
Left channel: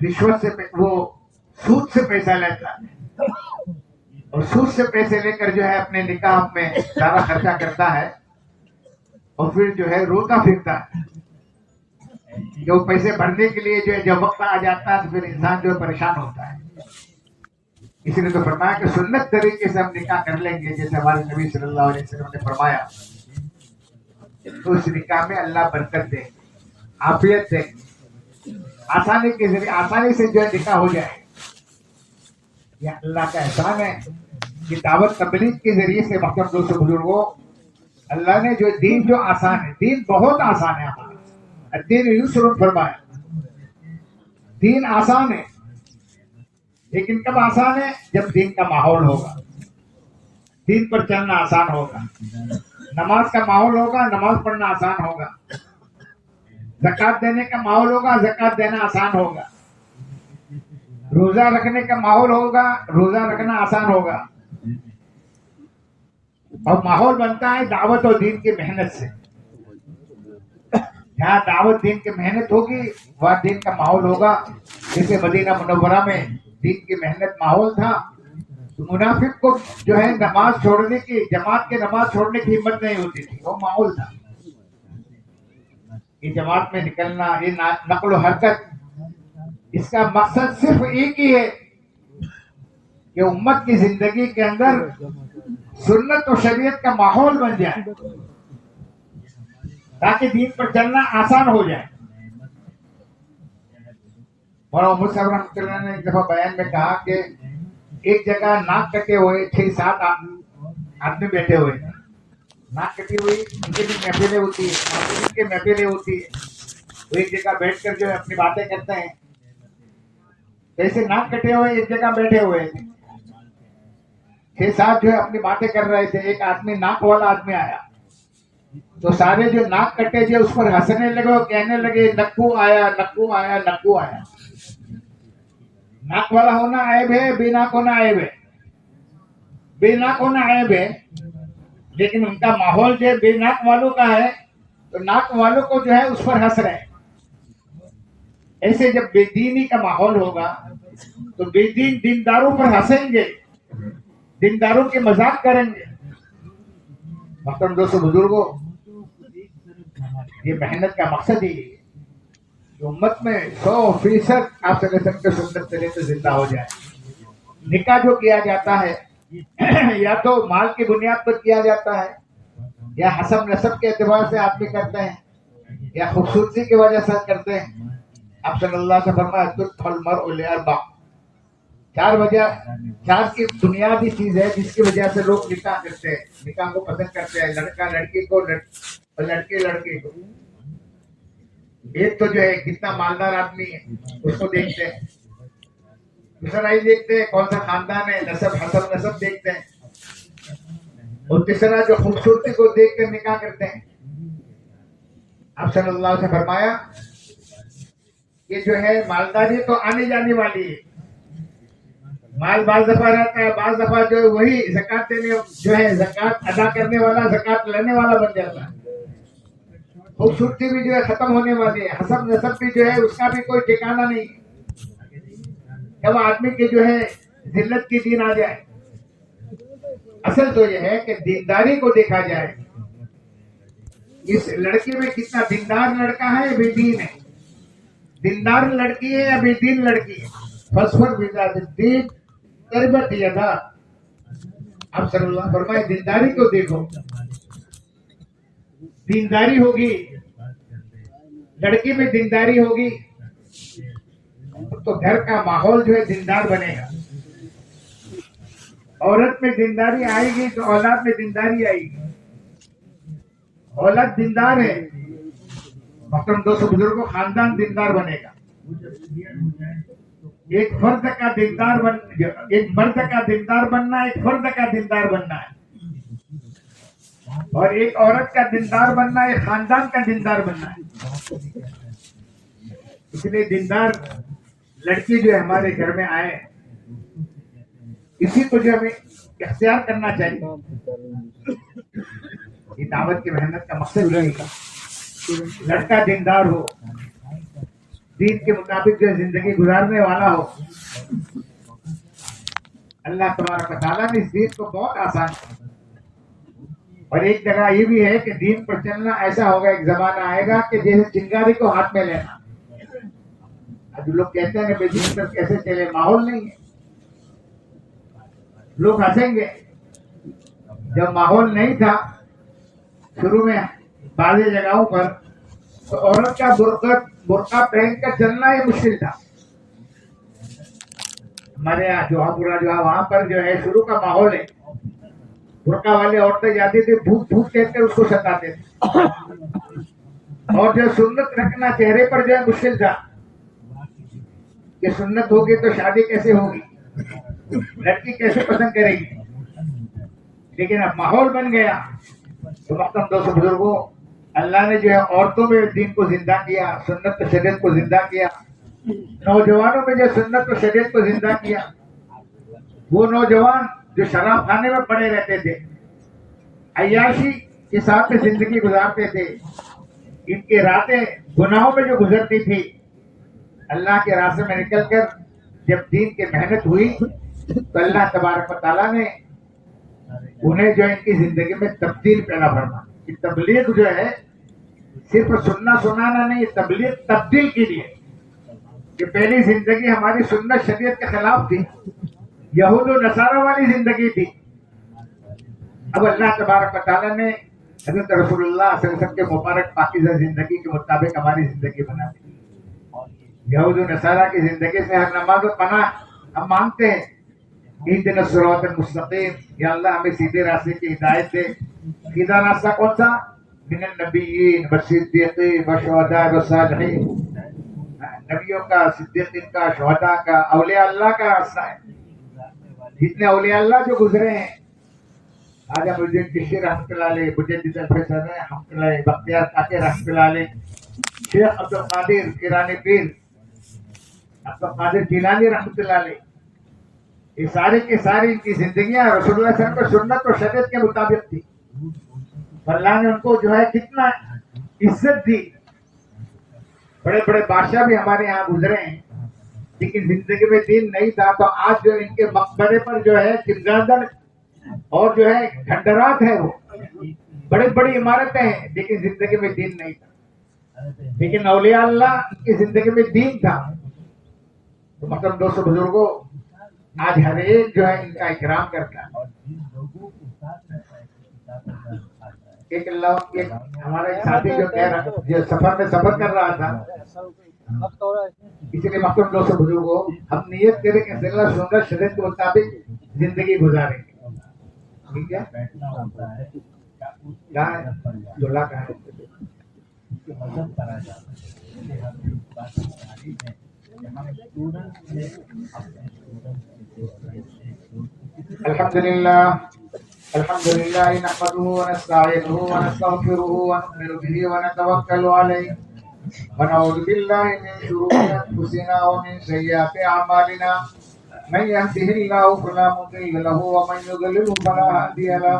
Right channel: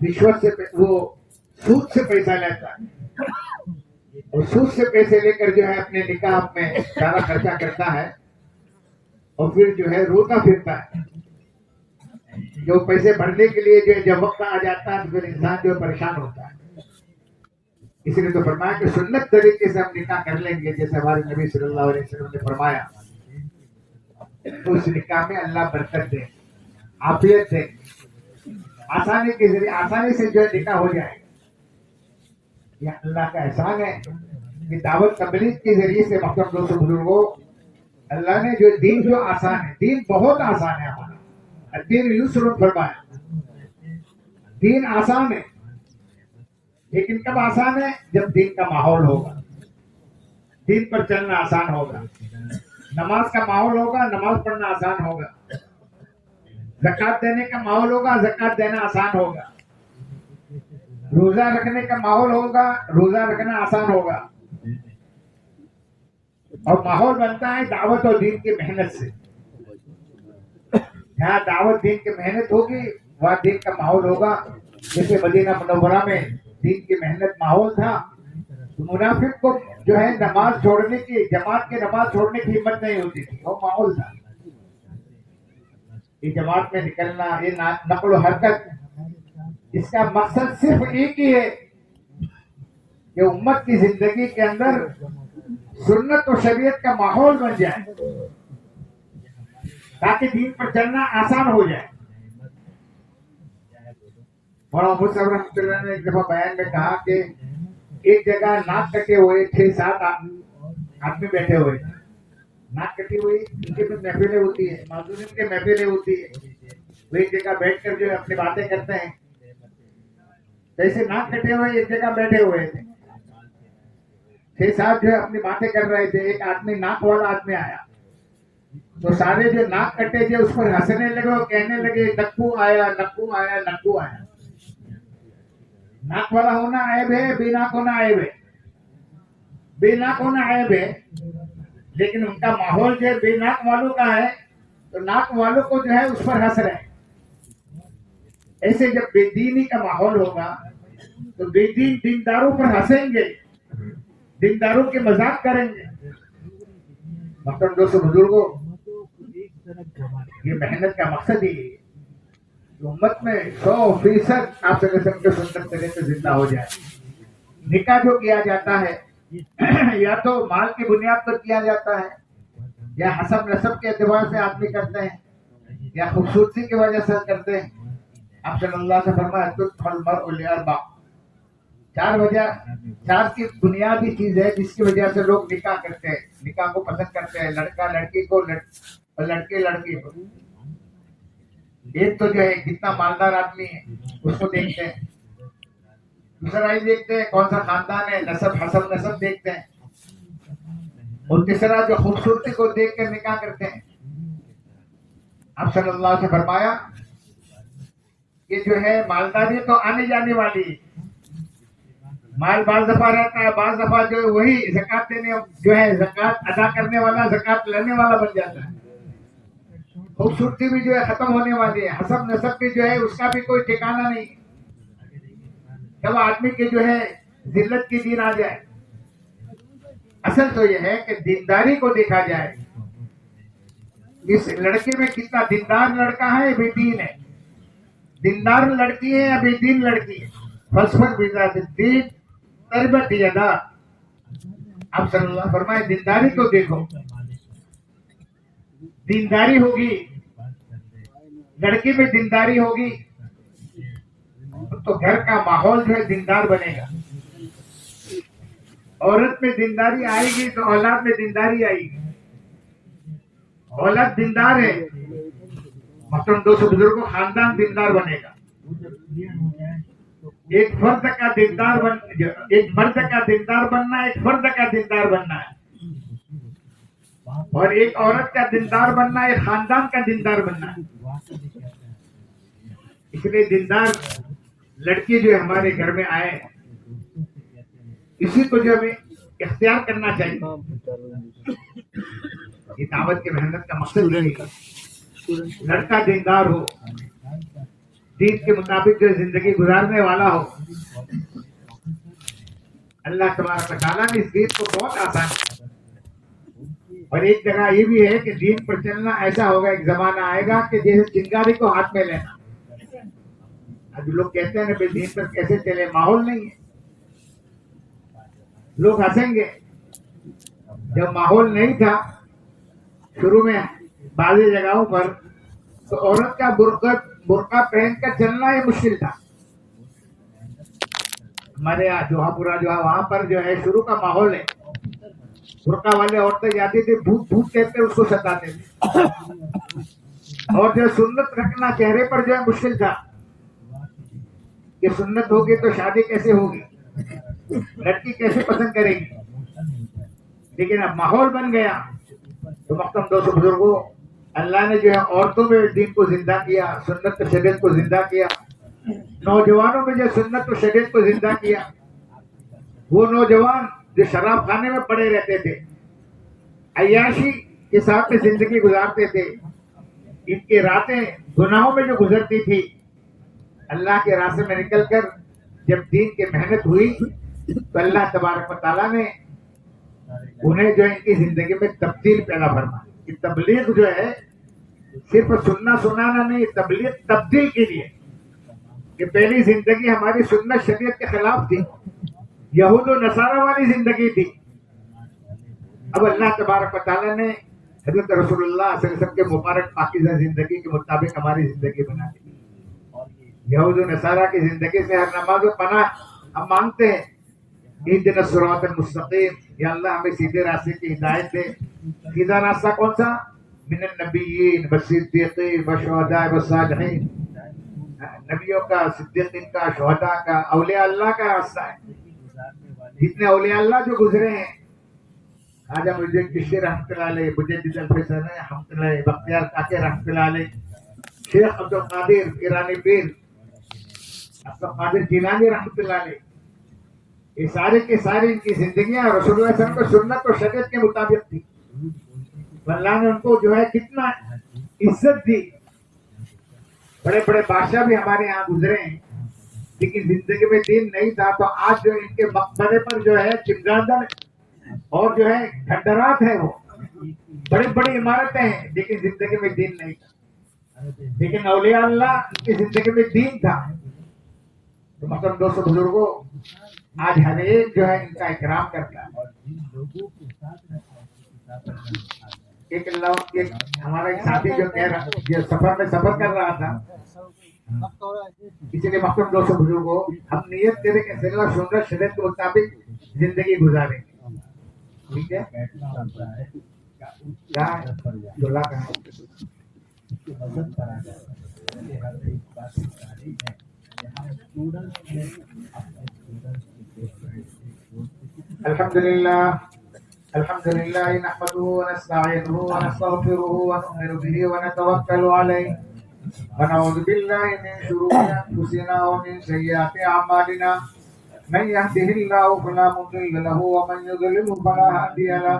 رشوت سے وہ سود سے پیسہ لیتا ہے اور سود سے پیسے لے کر جو ہے اپنے نکاح میں سارا خرچہ کرتا ہے اور پھر جو ہے روتا پھرتا ہے. جو پیسے بھرنے کے لیے جو ہے جب وقت آ جاتا ہے تو پھر انسان جو ہے پریشان ہوتا ہے. اسی لیے تو فرمایا کہ سنت طریقے سے ہم نکاح کر لیں گے جیسے ہمارے نبی صلی اللہ علیہ وسلم نے فرمایا, تو اس نکاح میں اللہ برکت دے, عافیت دے, آسانی کے ذریعے آسانی سے جو ہے نکاح ہو جائے. یہ اللہ کا احسان ہے کہ دعوت تبلیغ کے ذریعے سے محترم دوستو بزرگوں, اللہ نے جو دین جو آسان ہے, دین بہت آسان ہے ہمارا, دین یسر فرمایا, دین آسان ہے. لیکن کب آسان ہے؟ جب دین کا ماحول ہوگا, دین پر چلنا آسان ہوگا, نماز کا ماحول ہوگا, نماز پڑھنا آسان ہوگا, زکوٰۃ دینے کا ماحول ہوگا, زکوٰۃ دینا آسان ہوگا, روزہ رکھنے کا ماحول ہوگا, روزہ رکھنا آسان ہوگا. اور ماحول بنتا ہے دعوت اور دین کی محنت سے. جہاں دعوت دین کی محنت ہوگی وہاں دین کا ماحول ہوگا. جیسے مدینہ منورہ میں دین کی محنت ماحول تھا, منافق کو جو ہے نماز چھوڑنے کی, جماعت کے نماز چھوڑنے کی ہمت نہیں ہوتی تھی, وہ ماحول تھا. یہ جماعت میں نکلنا, یہ نقل و حرکت, اس کا مقصد صرف ایک ہی ہے کہ امت کی زندگی کے اندر سنت و شریعت کا ماحول بن جائے تاکہ دین پر چلنا آسان ہو جائے. مولانا محمد صاحب رحمۃ اللہ نے ایک دفعہ بیان میں کہا کہ ایک جگہ ناک کٹے ہوئے 6-7 آدمی بیٹھے ہوئے تھے. ناک کٹی ہوئی, ان کی بھی محفلیں ہوتی ہے, ان کے محفلیں ہوتی ہے, وہ ایک جگہ بیٹھ کر جو ہے اپنی باتیں کرتے ہیں. جیسے ناک کٹے ہوئے ایک جگہ بیٹھے ہوئے تھے, 6-7 جو ہے اپنی باتیں کر رہے تھے. ایک آدمی ناک والا آدمی آیا تو سارے جو ناک کٹے تھے اس پر ہنسنے لگے اور کہنے لگے نکو آیا, نکو آیا, نکو آیا. ناک والا ہونا عیب ہے, بے ناک ہونا عیب ہے. بے ناک ہونا عیب ہے, لیکن ان کا ماحول جو ہے بے ناک والوں کا ہے تو ناک والوں کو جو ہے اس پر ہنس رہے ہیں. ایسے جب بے دینی کا ماحول ہوگا تو بے دین دینداروں پر ہنسیں گے, دینداروں کے مذاق کریں گے. محترم دوستو بزرگوں, یہ محنت کا مقصد ہی ہے کہ امت میں 100% آپ صلی اللہ علیہ وسلم کے سنت طریقے سے زندہ ہو جائے. نکاح جو کیا جاتا ہے یا تو مال کی بنیاد پر کیا جاتا ہے, یا حسب نسب کے اعتبار سے آدمی کرتے ہیں, یا خوبصورتی کی وجہ سے کرتے ہیں. آپ صلی اللہ سے فرمایا تدخل المرء لاربع, 4 وجہ, 4 کی بنیادی چیز ہے جس کی وجہ سے لوگ نکاح کرتے ہیں, نکاح کو پسند کرتے ہیں. لڑکا لڑکی کو اور لڑکے لڑکی کو. ایک تو جو ہے کتنا مالدار آدمی ہے اس کو دیکھتے ہیں, دوسرا یہ دیکھتے ہیں کون سا خاندان ہے, نسب, حسب نسب دیکھتے ہیں, اور تیسرا جو خوبصورتی کو دیکھ کر نکاح کرتے ہیں. آپ صلی اللہ علیہ وسلم سے فرمایا کہ جو ہے مالداری تو آنے جانے والی ہے, مال بعض دفعہ رہتا ہے, بعض دفعہ جو ہے وہی زکوٰۃ دینے جو ہے زکوٰۃ ادا کرنے والا زکوٰۃ لینے والا بن جاتا ہے. خوبصورتی بھی جو ہے ختم ہونے والی ہے, حسب نسب بھی جو ہے اس کا بھی کوئی ٹھکانہ نہیں. جب آدمی کے جو ہے ذلت کی دین آ جائے. اصل تو یہ ہے کہ دینداری کو دیکھا جائے. اس لڑکے میں کتنا دیندار لڑکا ہے, بے دین ہے. دیندار لڑکی ہے یا بے دین لڑکی ہے. فصفر بذات الدین تربت یدا. آپ صلی اللہ فرمائے دینداری کو دیکھو. دینداری ہوگی, لڑکی میں دینداری ہوگی تو گھر کا ماحول جو ہے دیندار بنے گا. عورت میں دینداری آئے گی تو اولاد میں دینداری آئے گی. اولاد دیندار ہے, محترم دوستو بزرگوں, خاندان دیندار بنے گا. ایک فرد کا دیندار ایک مرد کا دیندار بننا, ایک فرد کا دیندار بننا ہے, اور ایک عورت کا دیندار بننا, ایک خاندان کا دیندار بننا ہے. اس لیے دیندار لڑکی جو ہمارے گھر میں آئے, اسی کو جو ہمیں اختیار کرنا چاہیے. یہ دعوت کی محنت کا مقصد ہے لڑکا دیندار ہو, دین کے مطابق جو زندگی گزارنے والا ہو. اللہ تبارک و تعالیٰ نے اس دین کو بہت آسان کیا. اور ایک جگہ یہ بھی ہے کہ دین پر چلنا ایسا ہوگا, ایک زمانہ آئے گا کہ جیسے چنگاری کو ہاتھ میں لینا. اب لوگ کہتے ہیں بے دین پر کیسے چلے, ماحول نہیں ہے. لوگ ہنسیں گے. جب ماحول نہیں تھا شروع میں بعض جگہوں پر, تو عورت کا برقع پہن کر چلنا یہ مشکل تھا. ہمارے یہاں جوہاپورہ جو ہے وہاں پر جو ہے شروع کا ماحول ہے. برقع والی عورتیں جاتی تھی, بھوت بھوت کہہ کر اس کو ستاتے تھے. اور جو سنت رکھنا چہرے پر جو ہے مشکل تھا. یہ سنت ہوگی تو شادی کیسے ہوگی, لڑکی کیسے پسند کرے گی. لیکن اب ماحول بن گیا تو محترم دوستو بزرگوں, اللہ نے جو ہے عورتوں میں دین کو زندہ کیا, سنت و شریعت کو زندہ کیا. نوجوانوں میں جو سنت و شریعت کو زندہ کیا. وہ نوجوان جو شراب خانے میں پڑے رہتے تھے, عیاشی کے ساتھ زندگی گزارتے تھے, ان کی راتیں گناہوں میں جو گزرتی تھی, اللہ کے راستے میں نکل کر جب دین کی محنت ہوئی تو اللہ تبارک و تعالیٰ نے انہیں جو ہے ان کی زندگی میں تبدیل پیدا فرما. کہ تبلیغ جو ہے صرف سننا سنانا نہیں, تبلیغ تبدیل کے لیے. کہ پہلی زندگی ہماری سنت شریعت کے خلاف تھی, یہود و نصارہ والی زندگی تھی. اب اللہ تبارک و تعالیٰ نے حضرت رسول اللہ صلی اللہ علیہ وسلم کے مبارک پاکیزہ زندگی کے مطابق ہماری زندگی بنا دی. یہود و نصارہ کی زندگی سے ہر نماز و پناہ ہم مانگتے ہیں. اہدنا الصراط المستقیم, یا اللہ ہمیں سیدھے راستے کی ہدایت دے. سیدھا راستہ کون سا؟ من النبیین والصدیقین والشہداء والصالحین. نبیوں کا, صدیقین کا, شہداء کا, اولیاء اللہ کا راستہ ہے. جتنے اولیاء اللہ جو گزرے ہیں, خواجہ معین الدین چشتی رحمۃ اللہ علیہ, مجدد الفیض رحمۃ اللہ علیہ, بختیار کاکڑ رحمۃ اللہ علیہ, شیخ عبد القادر ایرانی پیر, عبد القادر جیلانی رحمۃ اللہ علیہ, یہ سارے کے سارے ان کی زندگیاں رسول اللہ صلی اللہ علیہ وسلم کو سنت اور شریعت کے مطابق تھی. اللہ نے ان کو جو ہے کتنا عزت دی. بڑے بڑے بادشاہ بھی ہمارے یہاں گزرے ہیں, لیکن زندگی میں دین نہیں تھا. تو آج جو ان کے مقبرے پر جو ہے چمگادڑ اور جو ہے کھنڈرات ہے, وہ بڑی بڑی عمارتیں ہیں, لیکن زندگی میں دین نہیں تھا. لیکن اولیاء اللہ کی زندگی میں دین تھا. تو محترم دوستو بزرگوں, آج ہر ایک جو ہے ان کا اکرام کرتا ہے. ایک ہمارا ایک ساتھی جو کہہ رہا, جو سفر میں سفر کر رہا تھا, اسی لیے محترم دوستو بزرگوں, ہم نیت کریں کہ اللہ سنت شریعت کے مطابق زندگی گزاریں گے. ٹھیک ہے, کہاں ہے دلہ, کہاں ہے؟ الحمدللہ الحمدللہ نحمده ونستعینه ونستغفره ونؤمن به ونتوکل علیہ ونعوذ باللہ من شرور انفسنا ومن سیئات اعمالنا من يهده الله فلا مضل له ومن يضلل فلا هادي له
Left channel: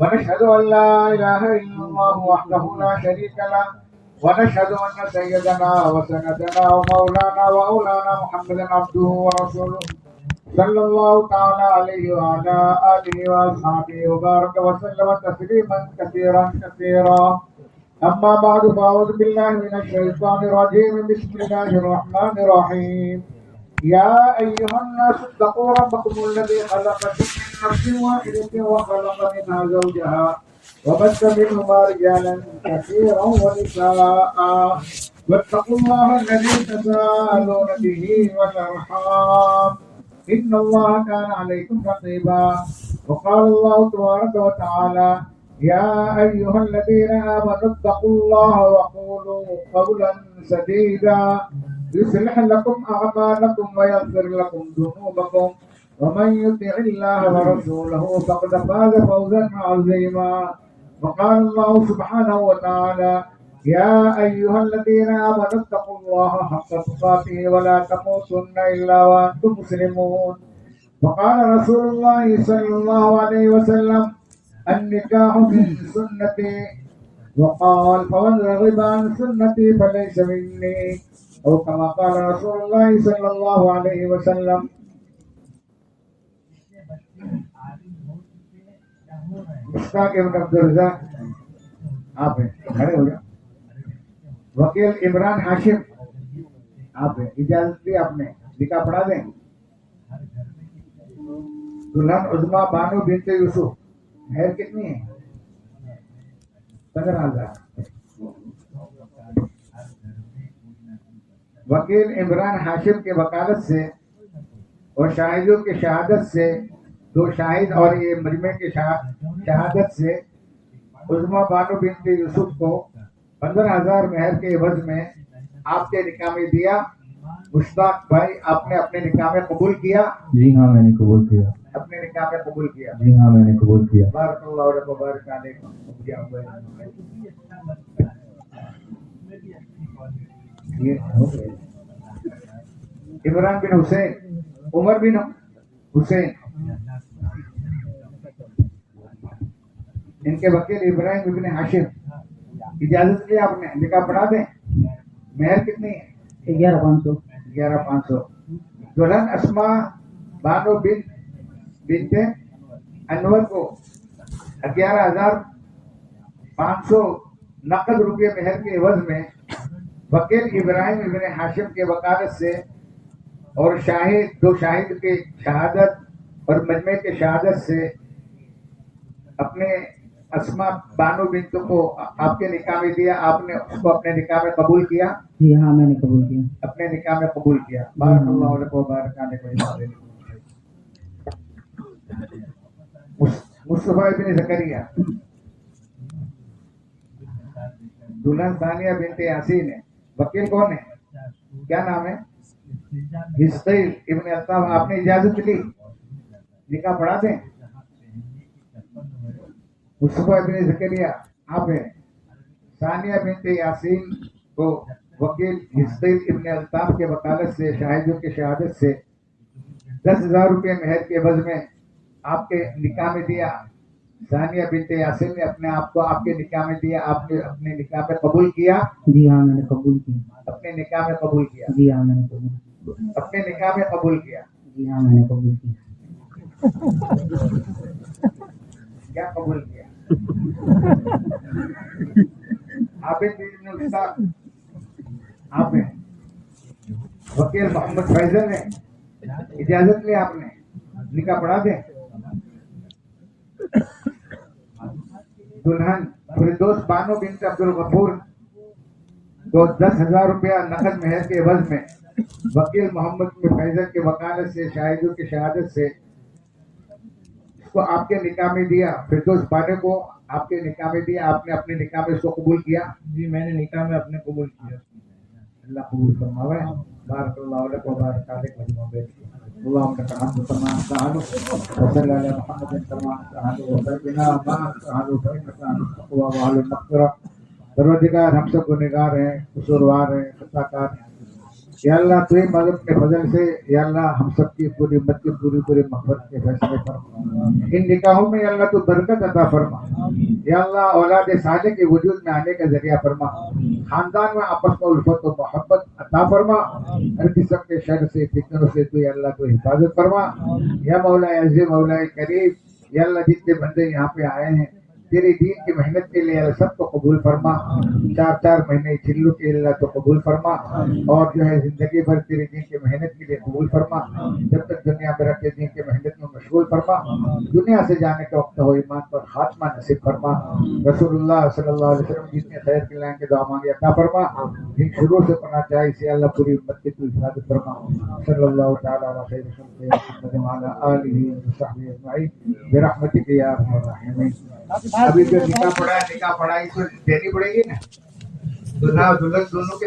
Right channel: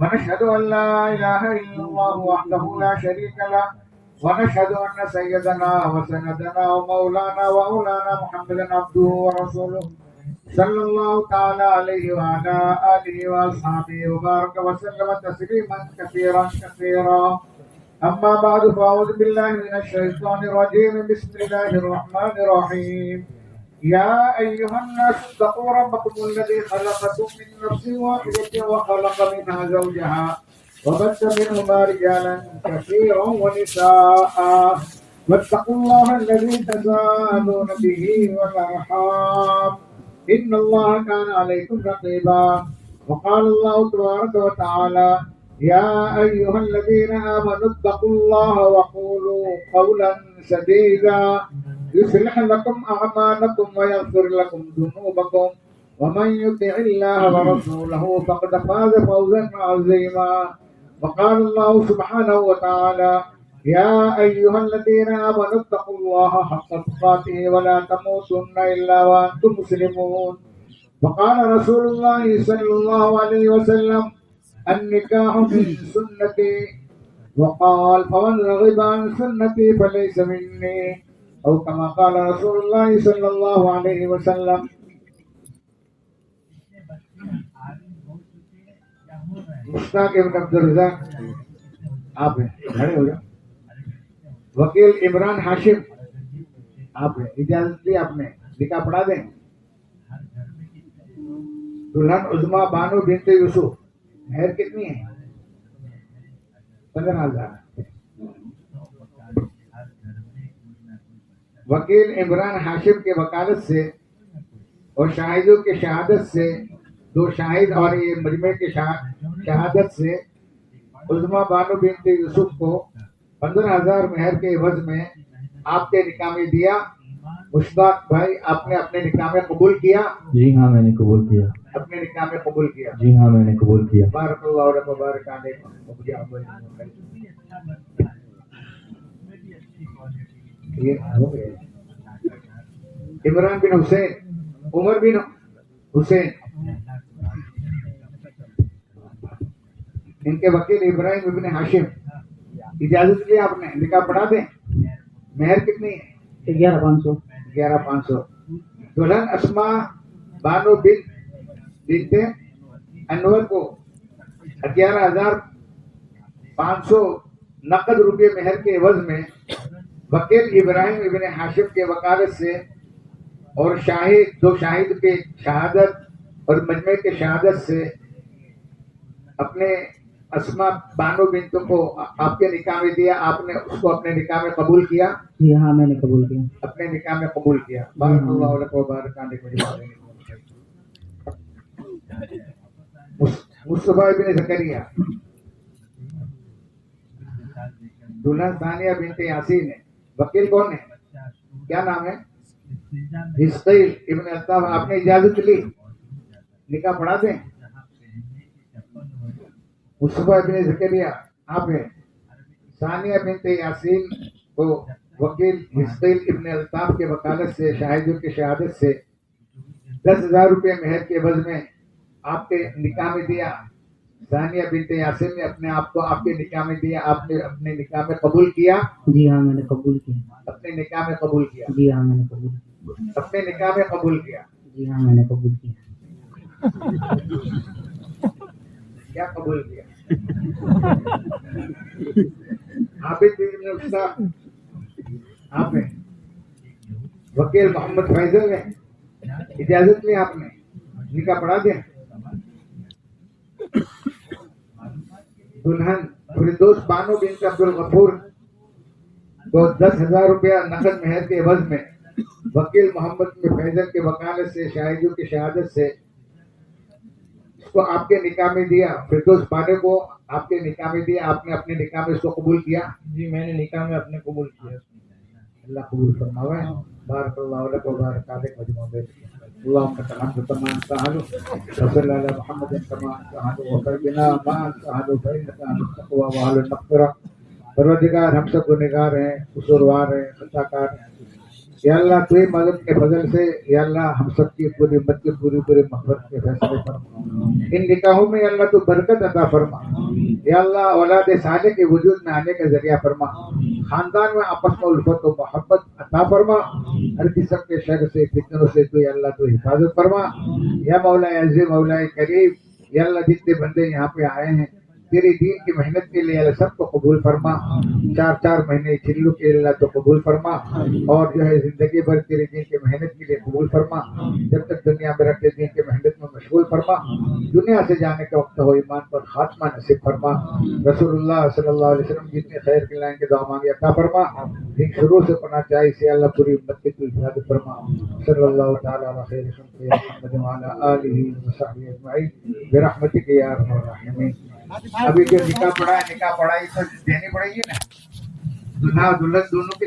ونشهد ان لا اله الا الله وحده لا شريك له ونشهد أن سيدنا وسندنا ومولانا وأولانا محمدا عبده ورسوله صلى الله تعالى عليه وعلى آله وأصحابه وبارك وسلم تسليما كثيرا كثيرا. أما بعد فأعوذ بالله من الشيطان الرجيم. بسم الله الرحمن الرحيم. يا أيها الناس اتقوا ربكم الذي خلقكم من نفس واحدة وخلق منها زوجها وبث منهما رجالا كثيرا ونساء واتقوا الله الذي تساءلون به والأرحام إن الله كان عليكم رقيبا. وقال الله تبارك وتعالى يا أيها الذين آمنوا اتقوا الله وقولوا قولا سديدا يصلح لكم أعمالكم ويغفر لكم ذنوبكم ومن يطع الله ورسوله فقد فاز فوزا عظيما. وقال الله سبحانه وتعالى يا أيها الذين آمنوا اتقوا الله حق تقاته ولا تموتن إلا وأنتم مسلمون. وقال رسول الله صلى الله عليه وسلم النكاح من سنتي وقال فمن رغب عن سنتي فليس مني أو كما قال رسول الله صلى الله عليه وسلم. مشتاق ابن عبدالرزاق آپ ہیں، کھڑے ہو جائیں. وکیل عمران ہاشم آپ ہیں، اجازت دی آپ نے، نکاح پڑھا دیں. دلہن عظما بانو بنت یوسف، مہر کتنی ہے؟ 15,000. وکیل عمران ہاشم کے وکالت سے اور شاہدوں کے شہادت سے، 2 شاہد اور یہ مجمع کے شہادت سے عظما بانو بنت یوسف کو 15,000 مہر کے عوض میں آپ کے نکاح میں دیا. مشتاق بھائی آپ نے اپنے نکاح میں قبول کیا؟ جی ہاں میں نے قبول کیا. اپنے نکاح میں قبول کیا؟ جی ہاں میں نے قبول کیا. بارک اللہ لک و بارک علیک. یہ ہو گئے. عمران بن حسین، عمر بن حسین، ان کے وکیل ابراہیم ابن ہاشم، اجازت لی آپ نے، نکاح پڑھا دیں. مہر کتنی ہے؟ 11,500. 11,500. دلہن اسما بانو بنت انور کو 11,500 نقد روپے مہر کے عوض میں وکیل ابراہیم ابن ہاشم کے وکالت سے اور شاہد 2 شاہد کے شہادت اور مجمع کے شہادت سے اپنے اسما بانو بنت کو آپ کے نکاح میں دیا. آپ نے اس کو اپنے نکاح میں قبول کیا؟ جی ہاں میں نے قبول کیا. اپنے نکاح میں قبول کیا. بارک اللہ علیہ وبارک علیہ. مصطفیٰ ابن زکریا، دلہن ثانیہ بنت یاسین ہے. وکیل کون ہے؟ کیا نام ہے؟ حسقیل ابن الطاف. آپ نے اجازت لی، نکاح پڑھا دیں. مصطفیٰ ابن زکریا آپ ہیں. ثانیہ بنت یاسین کو وکیل حسقیل ابن الطاف کے وکالت سے شاہدوں کی شہادت سے 10,000 روپے مہر کے عوض میں آپ کے نکاح میں دیا. ثانیہ بنت یاسین نے اپنے آپ کو آپ کے نکاح میں دیا. آپ نے اپنے نکاح میں قبول کیا؟ جی ہاں میں نے قبول کیا. اپنے نکاح میں قبول کیا؟ جی ہاں میں نے قبول کیا. اپنے نکاح میں قبول کیا؟ جی ہاں میں نے قبول کیا. کیا قبول کیا؟ عابد بن استاد آپ ہیں. وکیل محمد فیضل ہیں. اجازت لی آپ نے، نکاح پڑھا دیں. دلہن فردوس بانو بنت عبد الغفور کو 10,000 روپیہ نقد مہر کے عوض میں وکیل محمد بن فیضل کے وکالت سے شاہدوں کی شہادت سے اس کو آپ کے نکاح میں دیا. فردوس بانو کو آپ کے نکاح میں دیا. آپ نے اپنے نکاح میں اس کو قبول کیا؟ جی میں نے نکاح میں اپنے قبول کیا. اللہ قبول فرماوے. بارک اللہ لک و بارک علیک مجموع بیت. اللهم لك الحمد كما أنت وصل على محمد كما أنت وفرقنا ما أنت فإنك أهل التقوى وأهل المغفرة. پروردگار ہم سب گنہگار ہیں، قصوروار ہیں، خطا کار ہیں. یا اللہ تو مالک کے فضل سے یا اللہ ہم سب کی پوری امت کی پوری مغفرت کے فیصلے فرما. ان نکاحوں میں یا اللہ تو برکت عطا فرما. یا اللہ اولاد صالح کے وجود میں آنے کا ذریعہ فرما. خاندان میں آپس میں الفت و محبت عطا فرما، ہر قسم کے شر سے فتنوں سے تو یا اللہ تو حفاظت فرما، یا مولا عزیز مولا کریم، یا اللہ جتنے بندے یہاں پہ آئے ہیں تیرے دین کی محنت کے لیے اللہ سب کو قبول فرما، 4 مہینے چلو کے اللہ تو قبول فرما، اور جو ہے زندگی بھر تیرے دین کی محنت کے لیے قبول فرما، جب تک دنیا میں رکھے دین کی محنت میں مشغول فرما، دنیا سے جانے کا وقت ہو ایمان پر خاتمہ نصیب فرما، رسول اللہ صلی اللہ علیہ وسلم جتنے خیر کے لائن کے دعا مانگے عطا فرما، جن شروع سے پڑھنا چاہے اسے اللہ پوری امت کی تو حفاظت فرما، صلی اللہ تعالی علی خیر خلق محمد وعلی آلہ وصحبہ اجمعین برحمتک یا ارحم الراحمین۔ ابھی جو نکاح پڑھا ہے، نکاح پڑھائی تو دینی پڑے گی نا، دلہا اور دلہن دونوں کے